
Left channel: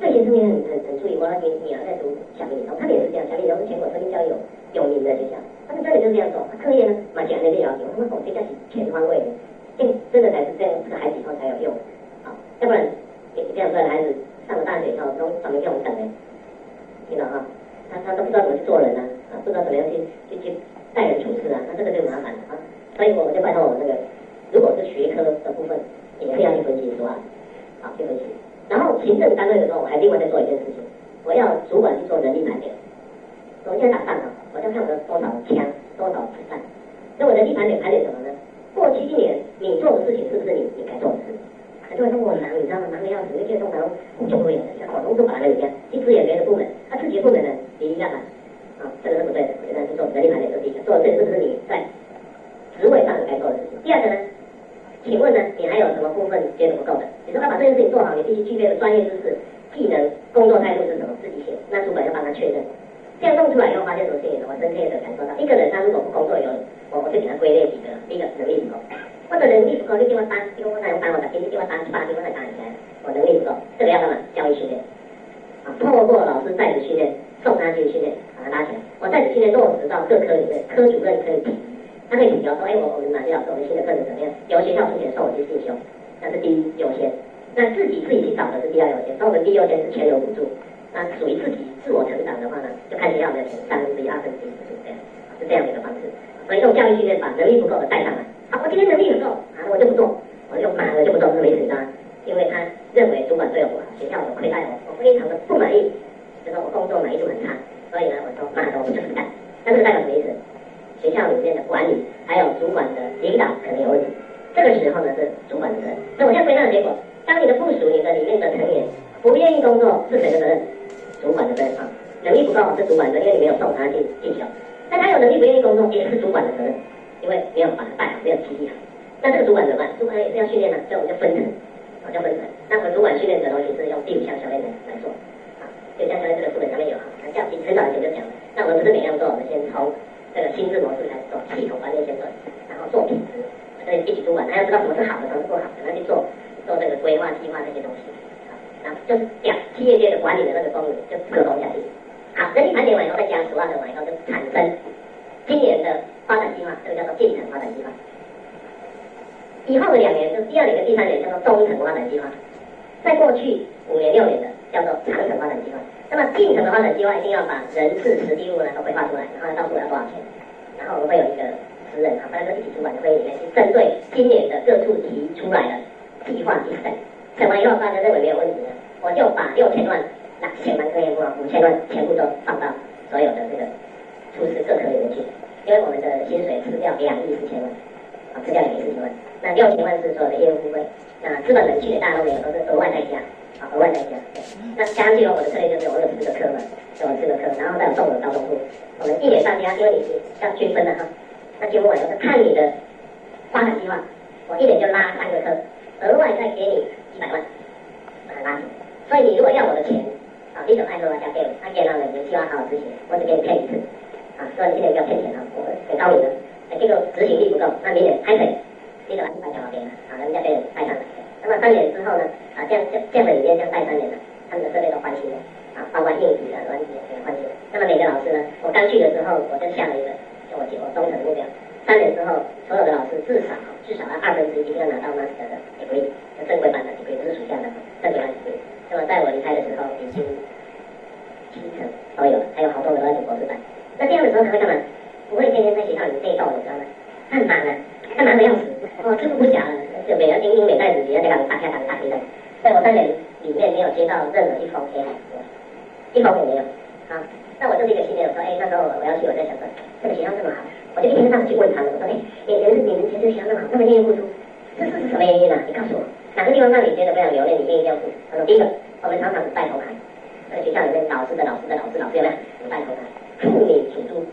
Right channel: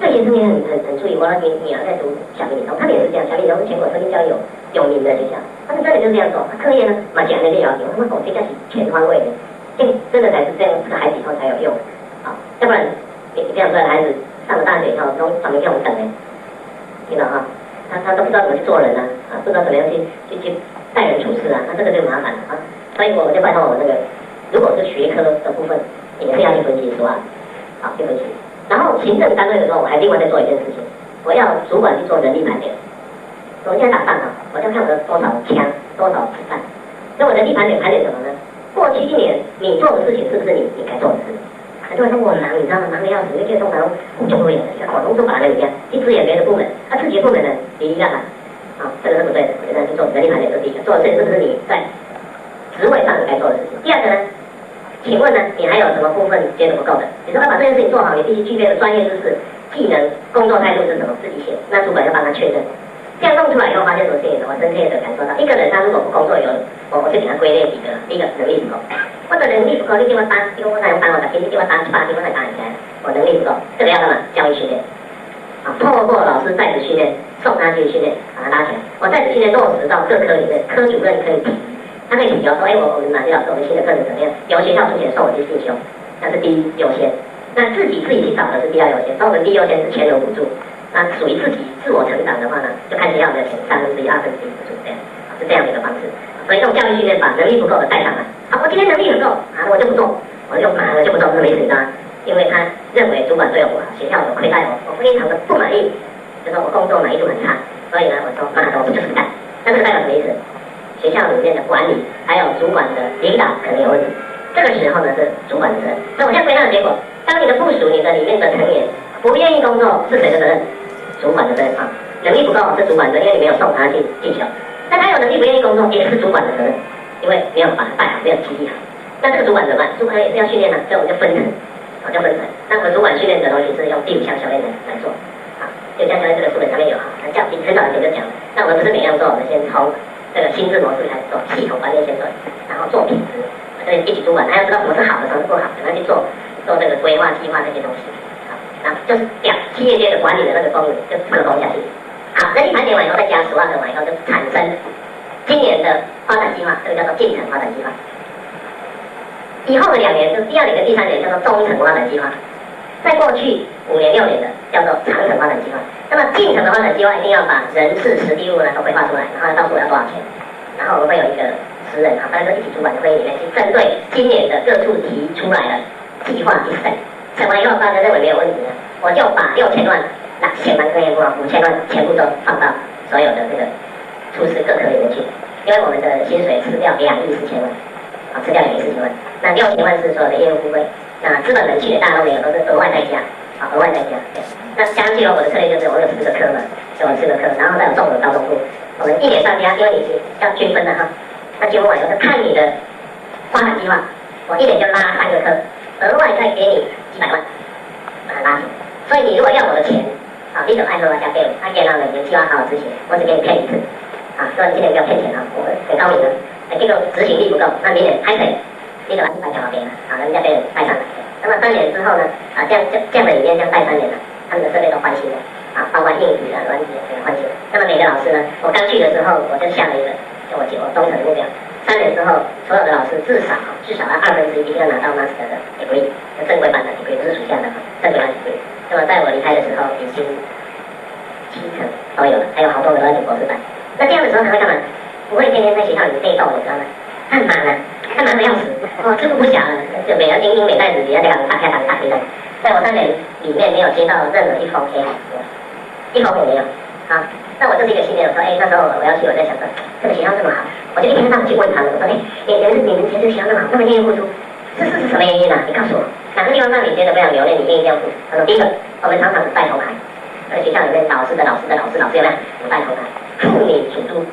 这学生也很注意。我女儿在读小明理中，他们也是这样。小明理中是全国声音教育有名的学校，他们真的就是这样做。课业呢，讲那个要求，他们这个是全方位的，真的才是这样，这个孩子以后才有用要不然你这样出来的孩子上了大学以后，都长得像我们等的，听到他都不知道怎么去做人不知道怎么样去待人处事那这个就麻烦了所以我们就拜托我们如果是学科的部分，也是要去分析去分析。然后行政单位的时候，我还另外再做一件事情，我要主管去做人力盘点。我现在打仗我就看我的多少枪、多少子弹。那我人力盘点什么呢？过去1年你做的事情是不是你该做的事？很多人说我忙，你知道吗？忙的要死，那些通常就会广东就把那里边一支援别的部门，自己的部门呢你一个这个是不对的。我觉得去做人力盘点是第一个，做的事情是不是你在职位上你该做的事情？第二个呢？请问呢，你还有什么部分觉得不够的？你说要把这件事情做好，你必须具备的专业知识、技能、工作态度是什么？自己写，那主管要帮他确认。这样弄出来以后，发现什么事情？我深切的感受到，一个人他如果不工作我就给他归类几个。第一个能力不够，或者能力不够，你给我打，你给我打我的，你给我打7、8，给我再打起来，我能力不够，这个要干嘛？教育训练。透过老师在职训练，送他去训练，把他拉起来。我在职训练落实到各科里面，科主任可以提。他可以提说，我们哪些老师，我们新的课程怎么样？由学校出钱送我去进修，那是第一优先。那自己去找的是第2优先。所以我们第一优先是钱有补助。那属于自己自我成长的话呢，就看学校的钱1/3、2/3补助这样，是这样的一个方式。所以用教育训练把能力不够的带上来。我今天能力很够我就不做，我就不做，这个意思因为他认为主管对我不好，学校有亏待我非常的不满意，就说我工作满意度很差，所以呢，我说我不就是干。那这个代表什么意思？学校里面的管理还有主管的领导可能有问题，这个时候呢是主管的责任。所以我现在归纳的结果，当你的部属、你的里面的成员不愿意工作，是谁的责任？主管的责任能力不够是主管的，因为你没有送他去进修。但他有能力不愿意工作，也是主管的责任，因为没有把他带好，没有激励好。那这个主管怎么办？主管也是要训练所以我们就分层，那我们主管训练的东西是用第5项修炼来做就像在这个书本上面有哈，叫很早以前就讲，那我们不是每样做，我们先从这个心智模式开始做，系统观念先做，然后做品质，所以一起主管，还要知道什么是好的，什么是不好，怎么样去做这个规划、计划这些东西，好，然后就是讲企业界的管理的那个功能就分工下去。好，那你盘点完以后再加10万个完以后，就产生今年的发展计划，这个叫做进程发展计划。以后的2年，就是第2年跟第3年叫做中程发展计划。在过去5年、6年的叫做长程发展计划。那么进程的发展计划一定要把人事、实地物呢都规划出来，然后到时候要多少钱，然后我们会有一个10人啊，大家都一起主管的会议里面去针对今年的各处提出来的计划去审，审完以后大家认为没有问题呢，我就把6000万。前班科研部5000万全部都放到所有的这个出师各科里面去，因为我们的薪水吃掉2亿4千万，吃掉2亿4千万，那6000万是所有的业务付费，那资本人去的大都没有，都是额外再加，额外再加。那加上去我的策略就是我有4个科嘛，就我4个科，然后再有综合高中部，我们1年上加，因为你是要均分的哈，那均分完以后就看你的发展计划，我1年就拉3个科，额外再给你几百万，把它拉起来。所以你如果要我的钱。你就爱喝加给我，给到每年计划好好执行，我只给你骗1次，所以你今年不要骗钱我很高明的，结果执行力不够，那明年还可以，你就把100条给了，人家给人带上来。那么3年之后呢，这样的理念这样带3年了，他们的设备都换新了，包括硬体软体全换新了。那么每个老师呢，我刚去的时候我就下了一个，我忠诚的目标，3年之后所有的老师至少要1/2一定要拿到 Master 的 degree， 正规版的 degree， 不是属下的正规版的 degree。那么在我离开的时候，已经70%都有了，还有好多个都在读博士班。那这样的时候他会干嘛？不会天天在学校里被动，你知道吗？他很忙啊，他忙得要死，这个不小了，就每人英英美袋子，你要给他们打开的。在我3年里面没有接到任何一封 K 函，一封也没有。好，那我就是一个信念，我说，那时候我要去，我在想说，这个学校这么好，我就一天到晚去问他们，我说，你们觉得学校那么好，那么愿意付出，是什么原因啊？你告诉我。哪个地方让你觉得非常留恋，你愿意这样做？他说：第一个，我们常常不带头牌，这个学校里面老师有没有？不带头牌，妇女主督，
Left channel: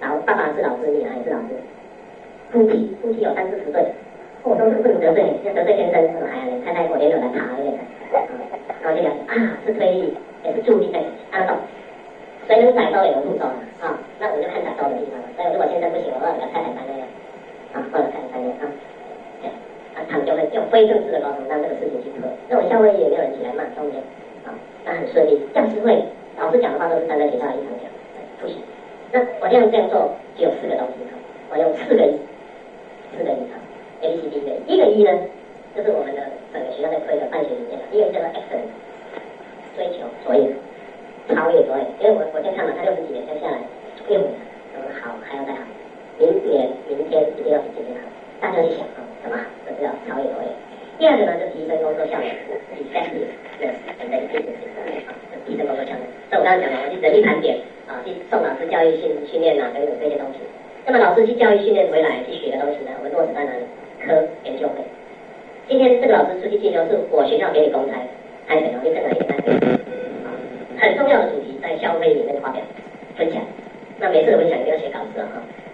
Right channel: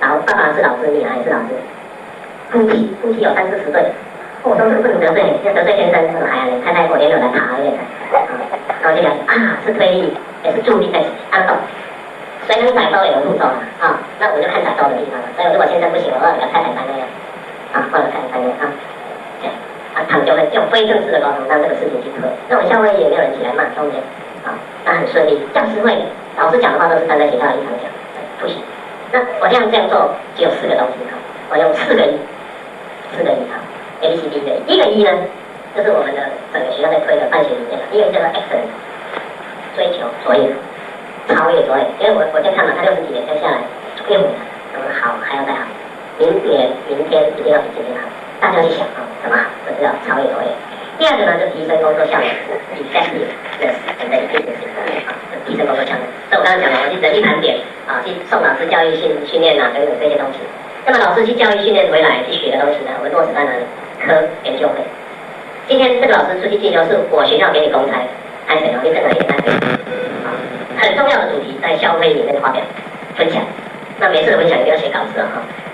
爸爸是老师，女儿也是老师，夫妻有30-40对，我说这个不能得罪，要得罪先生，说太太我也有来爬一点，然后就讲是推力，也是助力在安动，谁能载舟也能覆舟那我就看载舟的地方了，所以如果先生不行，我要给太太担那样，换了太太担他们就会用非正式的沟通让这个事情去推。那我们校会也没有人起来骂，中间那很顺利。教师会老师讲的话都是站在学校的立场讲，不行。那我这样做只有4个东西我用4个A B C D 的。第一个E呢，就是我们的整个学校在推的办学理念了。第一个叫做 excellence， 追求卓越，超越卓越。因为我在看嘛，他60几年再下来，65年，我们好还要再好，明天一定要比今天好。大家去想怎么好，就是要超越卓越。第二个呢，就提升工作效率 ，effectiveness and efficiency， 提升工作效率。所以我刚刚讲了，我去人力盘点去送老师教育训练等等这些东西。那么老师去教育训练回来去学的东西呢，我们落实在哪里？科研究会。今天这个老师出去进修是我学校给你公差，安谁你这个也安谁。很重要的主题在校会里面发表分享。那每次的分享一定要写稿子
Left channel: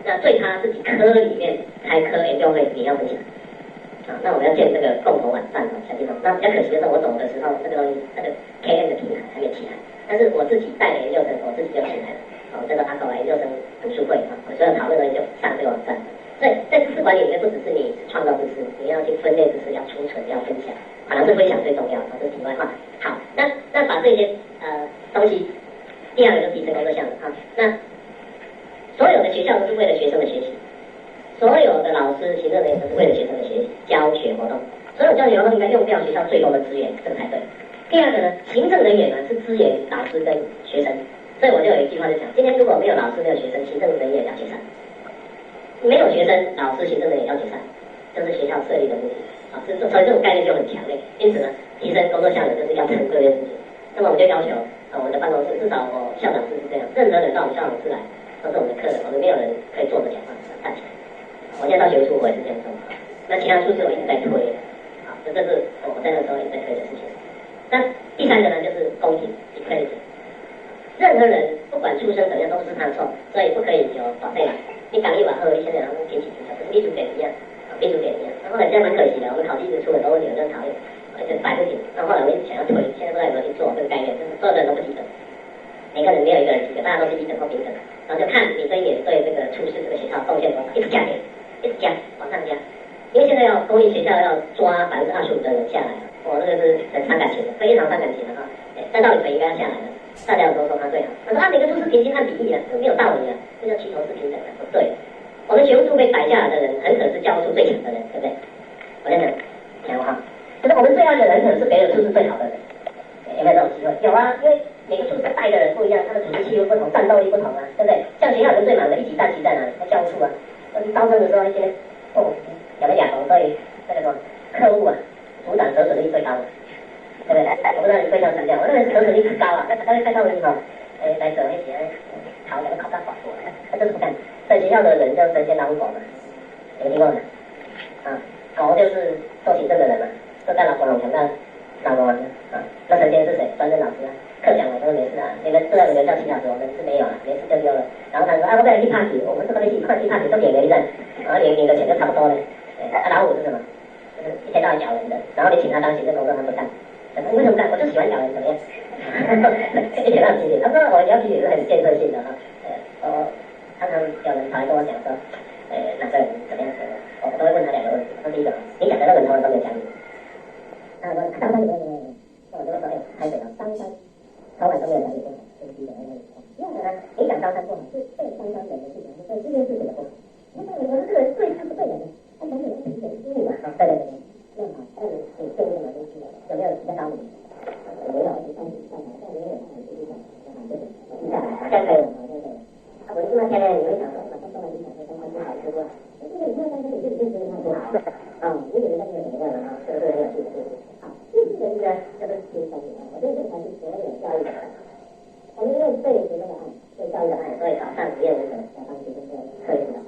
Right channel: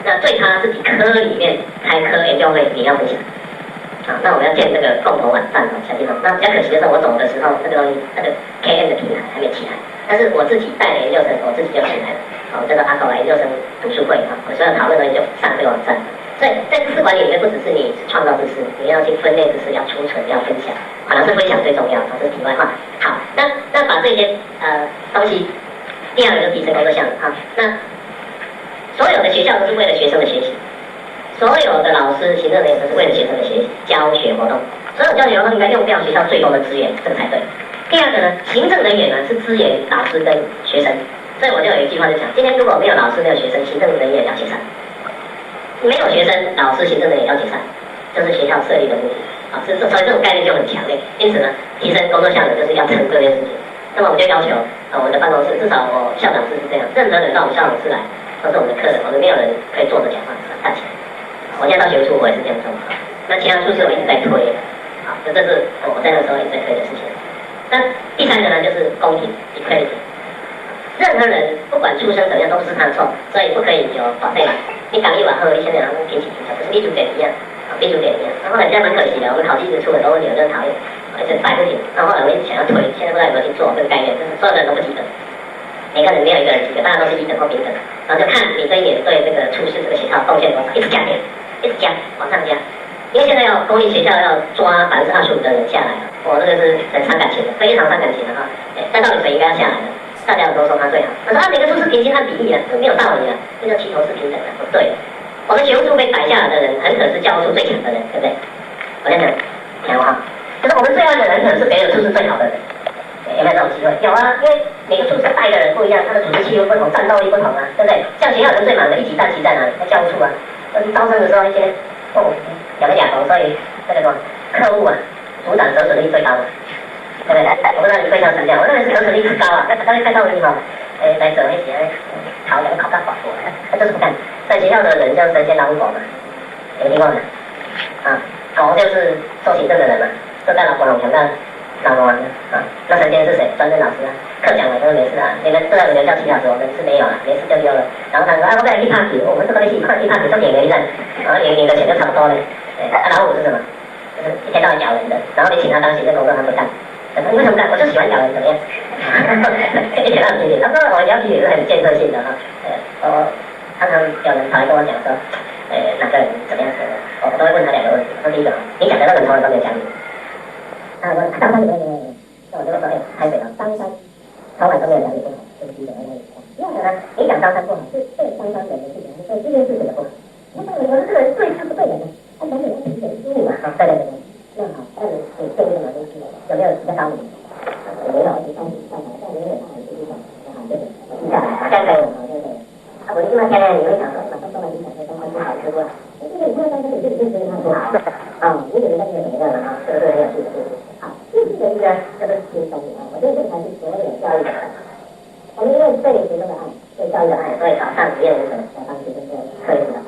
那对他自己科里面开科研究会也要分享。那我们要建这个共同网站小地方。那比较可惜的是，我走的时候，这个东西那个 KN 的平台还没起来，但是我自己带的研究生，我自己就起来了。这个阿狗研究生读书会我所有讨论的就上这个网站。所以在知识管理里面，不只是你创造知识，你要去分类知识，要储存，要分享。老师分享最重要，这是题外话。好，那把这些东西，第二个就提升工作效率那所有的学校都是为了学生的学习。所有的老师、行政人员都是为了学生的学习、教学活动。所有教学活动应该用掉学校最多的资源，这个才对。第二个呢，行政人员呢是支援老师跟学生，所以我就有一句话就讲：今天如果没有老师、没有学生，行政人员也要解散；没有学生、老师、行政人员也要解散，就是学校设立的目的。所以这种概念就很强烈。因此呢，提升工作效率就是要成这件事情。那么我们就要求我们的办公室，至少我校长室是这样，任何人到我们校长室来，都是我们的客人，我们没有人可以坐着讲话，站起来。我现在到学务处，我也是这样做。那其他处是我一直在推这是我在那时候一直在推的事情。那第三个呢，就是公平 equality。任何人不管出身怎么样，都不是他的错，所以不可以有保证。你讲一碗喝，一千人平起平坐，不是立足点一样，立足点一样。然后呢，这样蛮可惜的，我们考绩一直出很多问题，我就很讨厌。就摆不平。然后后来我一直想要推，现在不知道有没有去做这个概念，就是所有的人都不及格，每个人没有一个人及格，大家都是一等或平等。然后就看你这一年对这个处事这个学校贡献多少，一直加点，一直加，往上加。因为现在要公立学校要抓25%的人下来了，我这个是很伤感情的，非常伤感情的哈。按道理谁应该要下来的？大家都说他最好，我说每个都是平均按比例的，这没有道理的，这叫齐头是平等的，不对的。我们学务处被摆下来的人，很可能是教务处最强的人，对不对？我在讲，讲哈，就是我们最烂的人，可能是别的处是最好的人，有没有这种机会？有啊，因为每个处是带的人不一样，他的组织气氛不同，战斗力不同啊，对不对？像学校人最忙的一级战旗在哪里？在教务处啊。招生的时候一些两个哑头，所以这个什么课务啊，组长得损率最高的。对不对？我不知道你非常强调，我认为是得损率很高啊。当然看到你哈，来做那些考两个考大法国，这是不干。在学校的人叫神仙老狗嘛，有听过没？啊，狗就是做行政的人嘛，做干老婆龙强干老王啊。那神仙是谁？专任老师啊，课讲完都没事啊。你们虽然有人叫7小时，我们是没有了，没事就丢了。然后他说我在去 party， 我们这个去 party 就演员一站，然后领的钱就差不多了。老虎是什么？就是一天到晚咬人的，然后你请他当行政工作他不干。你为什么干？我就喜欢咬人，怎么样？一点都不批评。他说我要批评是很建设性的哈。常常有人跑来跟我讲说，哪个人怎么样怎么样，我都会问他2个问题。说第一个，你讲的那个同仁都没有讲你。他说当山没，那我就说台北啊，当山从来都没有讲你不好，这是第一个问题。第二个呢，你讲当山不好，是对当山人的事情，是对这件事情的不好。那当然，我说这个人对他不对人呢，他总得要评审输入嘛，对对对。那好，那你对这个马东西有没有比较高明？没有，而且当时上来，但没有他很注意的，好，对对，记下来，这样可以了，好，对对。我就那天呢，你会想说，马上说完你想说东西好吃过，这个你看当时你这个认真看不好，你觉得那个怎么样啊？这个是很有趣的，好，这个呢叫做轻松啊，我觉得这才是所有教育的。我们因为对学生的爱，对教育的爱，所以早上不愿意什么，要帮学生做课业的。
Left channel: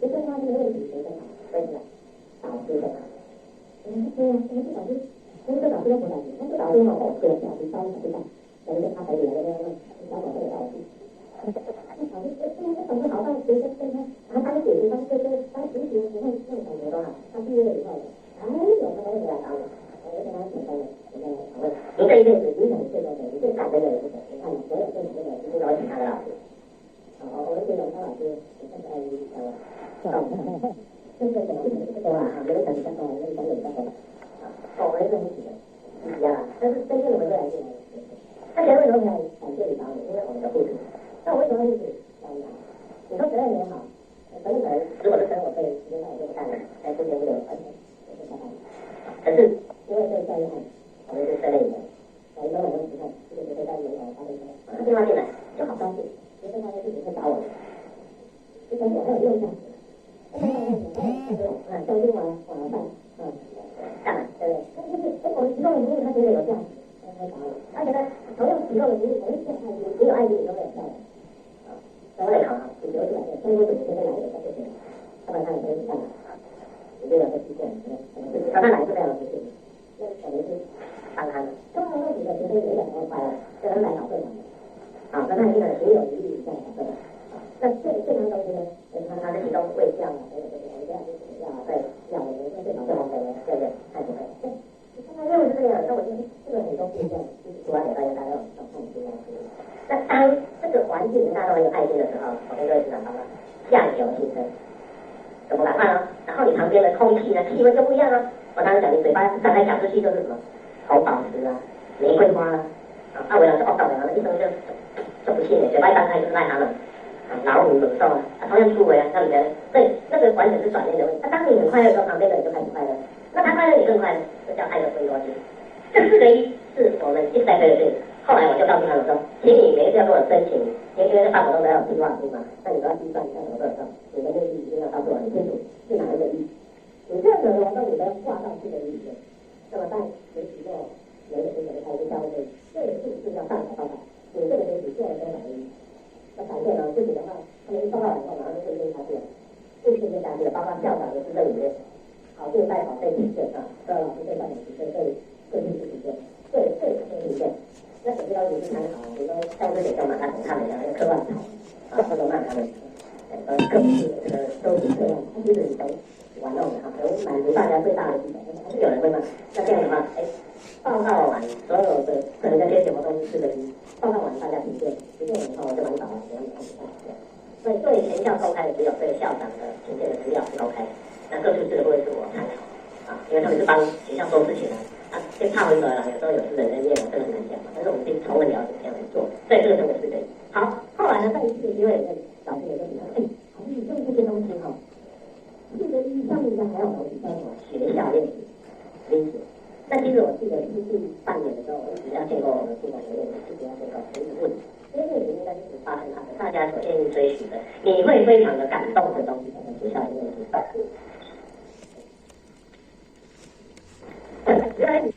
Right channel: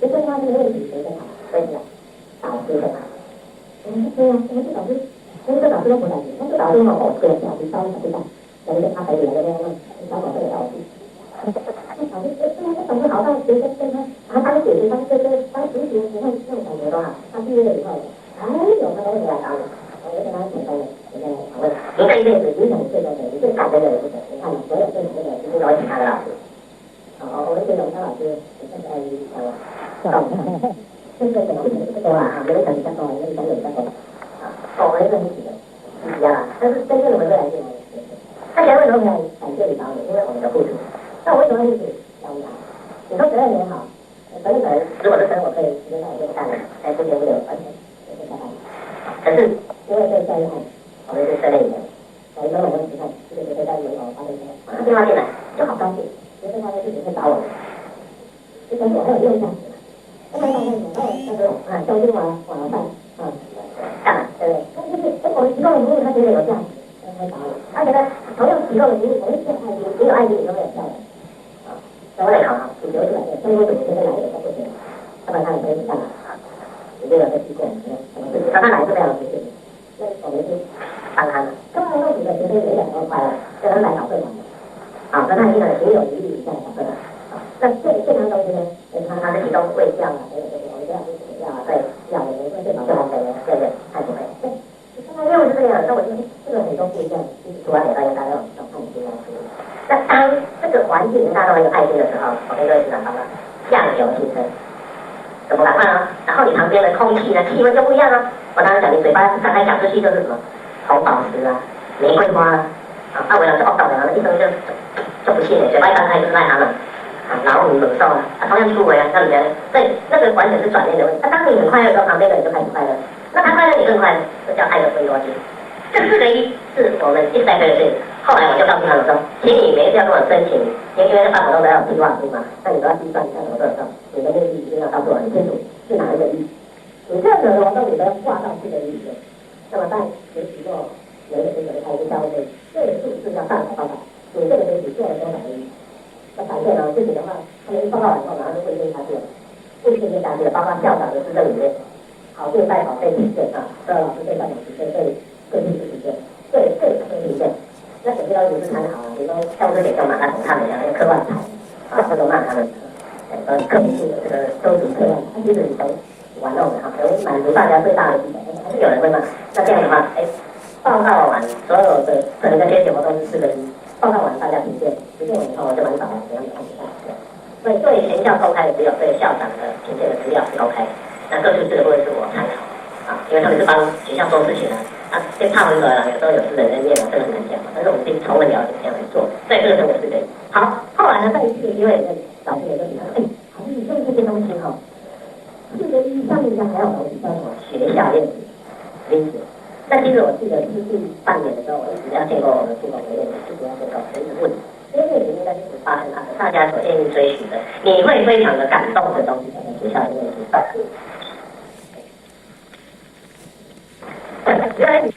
学生他这个问题学生好，所以导师很好。对啊，我们这导师，我们这导师都不在意，我们这导师哦，这个老师教小队长，有一个他北里来的那个小宝贝的老师，那导师导师好到学生跟他，然后当姐姐当哥哥当叔叔，你看那种感觉多好。他毕业了以后，哎呦，他都会来找我，我就跟他讲说，我跟他讨论，您这一辈子影响你最多的，你最感恩的人是谁？你看所有最感恩的人，几乎都会请他的老师。我们这种他老师，你现在讲我，这个怎么多啊？没有想比较多，没有想比较多。我们是很喜欢，一样啊。但是真正的回归来讲，大家为什么要感谢李导演？因为我们的付出。那我为什么会去教他？你说12年好，12年如果是我可以直接让我这个干的，不久不久完全就是下班。可是因为对教育爱，我们是12年的，我一般我们只看这个学生在门口发微信，他电话进来就好高兴，学生他的事情会找我们，就跟我很有用价值。那么教育网上干嘛？对不对？就是我们提供的服务，他觉得有价值，会找我。他觉得同样提供的服务，我们是爱心，没有爱心你都没有效的。所以我来考主流出来的，中国主学生来也都不行，要不然他也不会干嘛。你这个是机构，他来是非常实际，那我们是帮他的。中国主的学生也2多块了，就能来搞会馆。那他一个行有余力再来搞会馆。那这堂东西呢，他是提供卫教啊，还有这个我们这样是卫教啊，对，教我们最保证红水的，对不对？太不会。对，他任务是这样，那我就这个很多不一样，除完给大家都看清楚。那当这个环境大家都很有爱心的时候，我跟各位指导说了，相由心生，怎么办啊？然后你旁边的空气呢，气温就不一样啊。我刚刚讲，你嘴巴张开讲出去就是什么红宝石啊、玫瑰花啊，那我讲是恶道的，一生就不信了，嘴巴一张开就是癞蛤蟆。老虎、猛兽啊，同样出轨啊，让你觉得，所以那个完全是转念的问题。当你很快乐的时候，旁边的人就开始快乐，那他快乐你更快乐，这叫爱的分多金。这4个一是我们一直在推的事情。后来我就告诉他们说，请你每一次要跟我申请，因为在办活动都要计划书嘛，那你都要计算一下什么多少，你的目的一定要告诉我很清楚是哪一个一。你这样子的活动你都要挂上去的意思。那么在学习过有一个开始教会，这个数字要上报告，你这个学习做了多少一？那反正呢，自己的话，他们报告完以后，马上就会跟下去了，会跟下去了，包括校长的市政里面，考对代考对体现啊，各老师对代考体现，对个性体现，对体现。那有些要求是参考啊，比如说教师节就马上从他们讲那个课外牌啊，或者骂他们，课程性的这个收集课外，他其实你从玩弄的哈，能满足大家最大的基本。还是有人会骂，那这样的话，报告完所有的可能这些节目都是4:1，报告完大家评鉴完以后就蛮少的，怎样的看不到。所以对全校公开的只有对校长的评鉴的资料是公开的，那各处这个部分是我参考啊，因为他们是帮学校做事情的。跟差很多了，有时候有私人恩怨啊，这个很难讲。但是我们可以充分了解这样来做，所以这个是我是对。好，后来呢，在一次因为老师也就提到，好像你用这些东西哈，4:1上面应该还有东西叫什么学校练习因子。那其实我记得是第半年的时候，我一直要见过我们副总的练习，一直要见过，我一直问，因为这里面应该就是发生大家所愿意追寻的，你会非常的感动的东西，在学校里面去办。原来你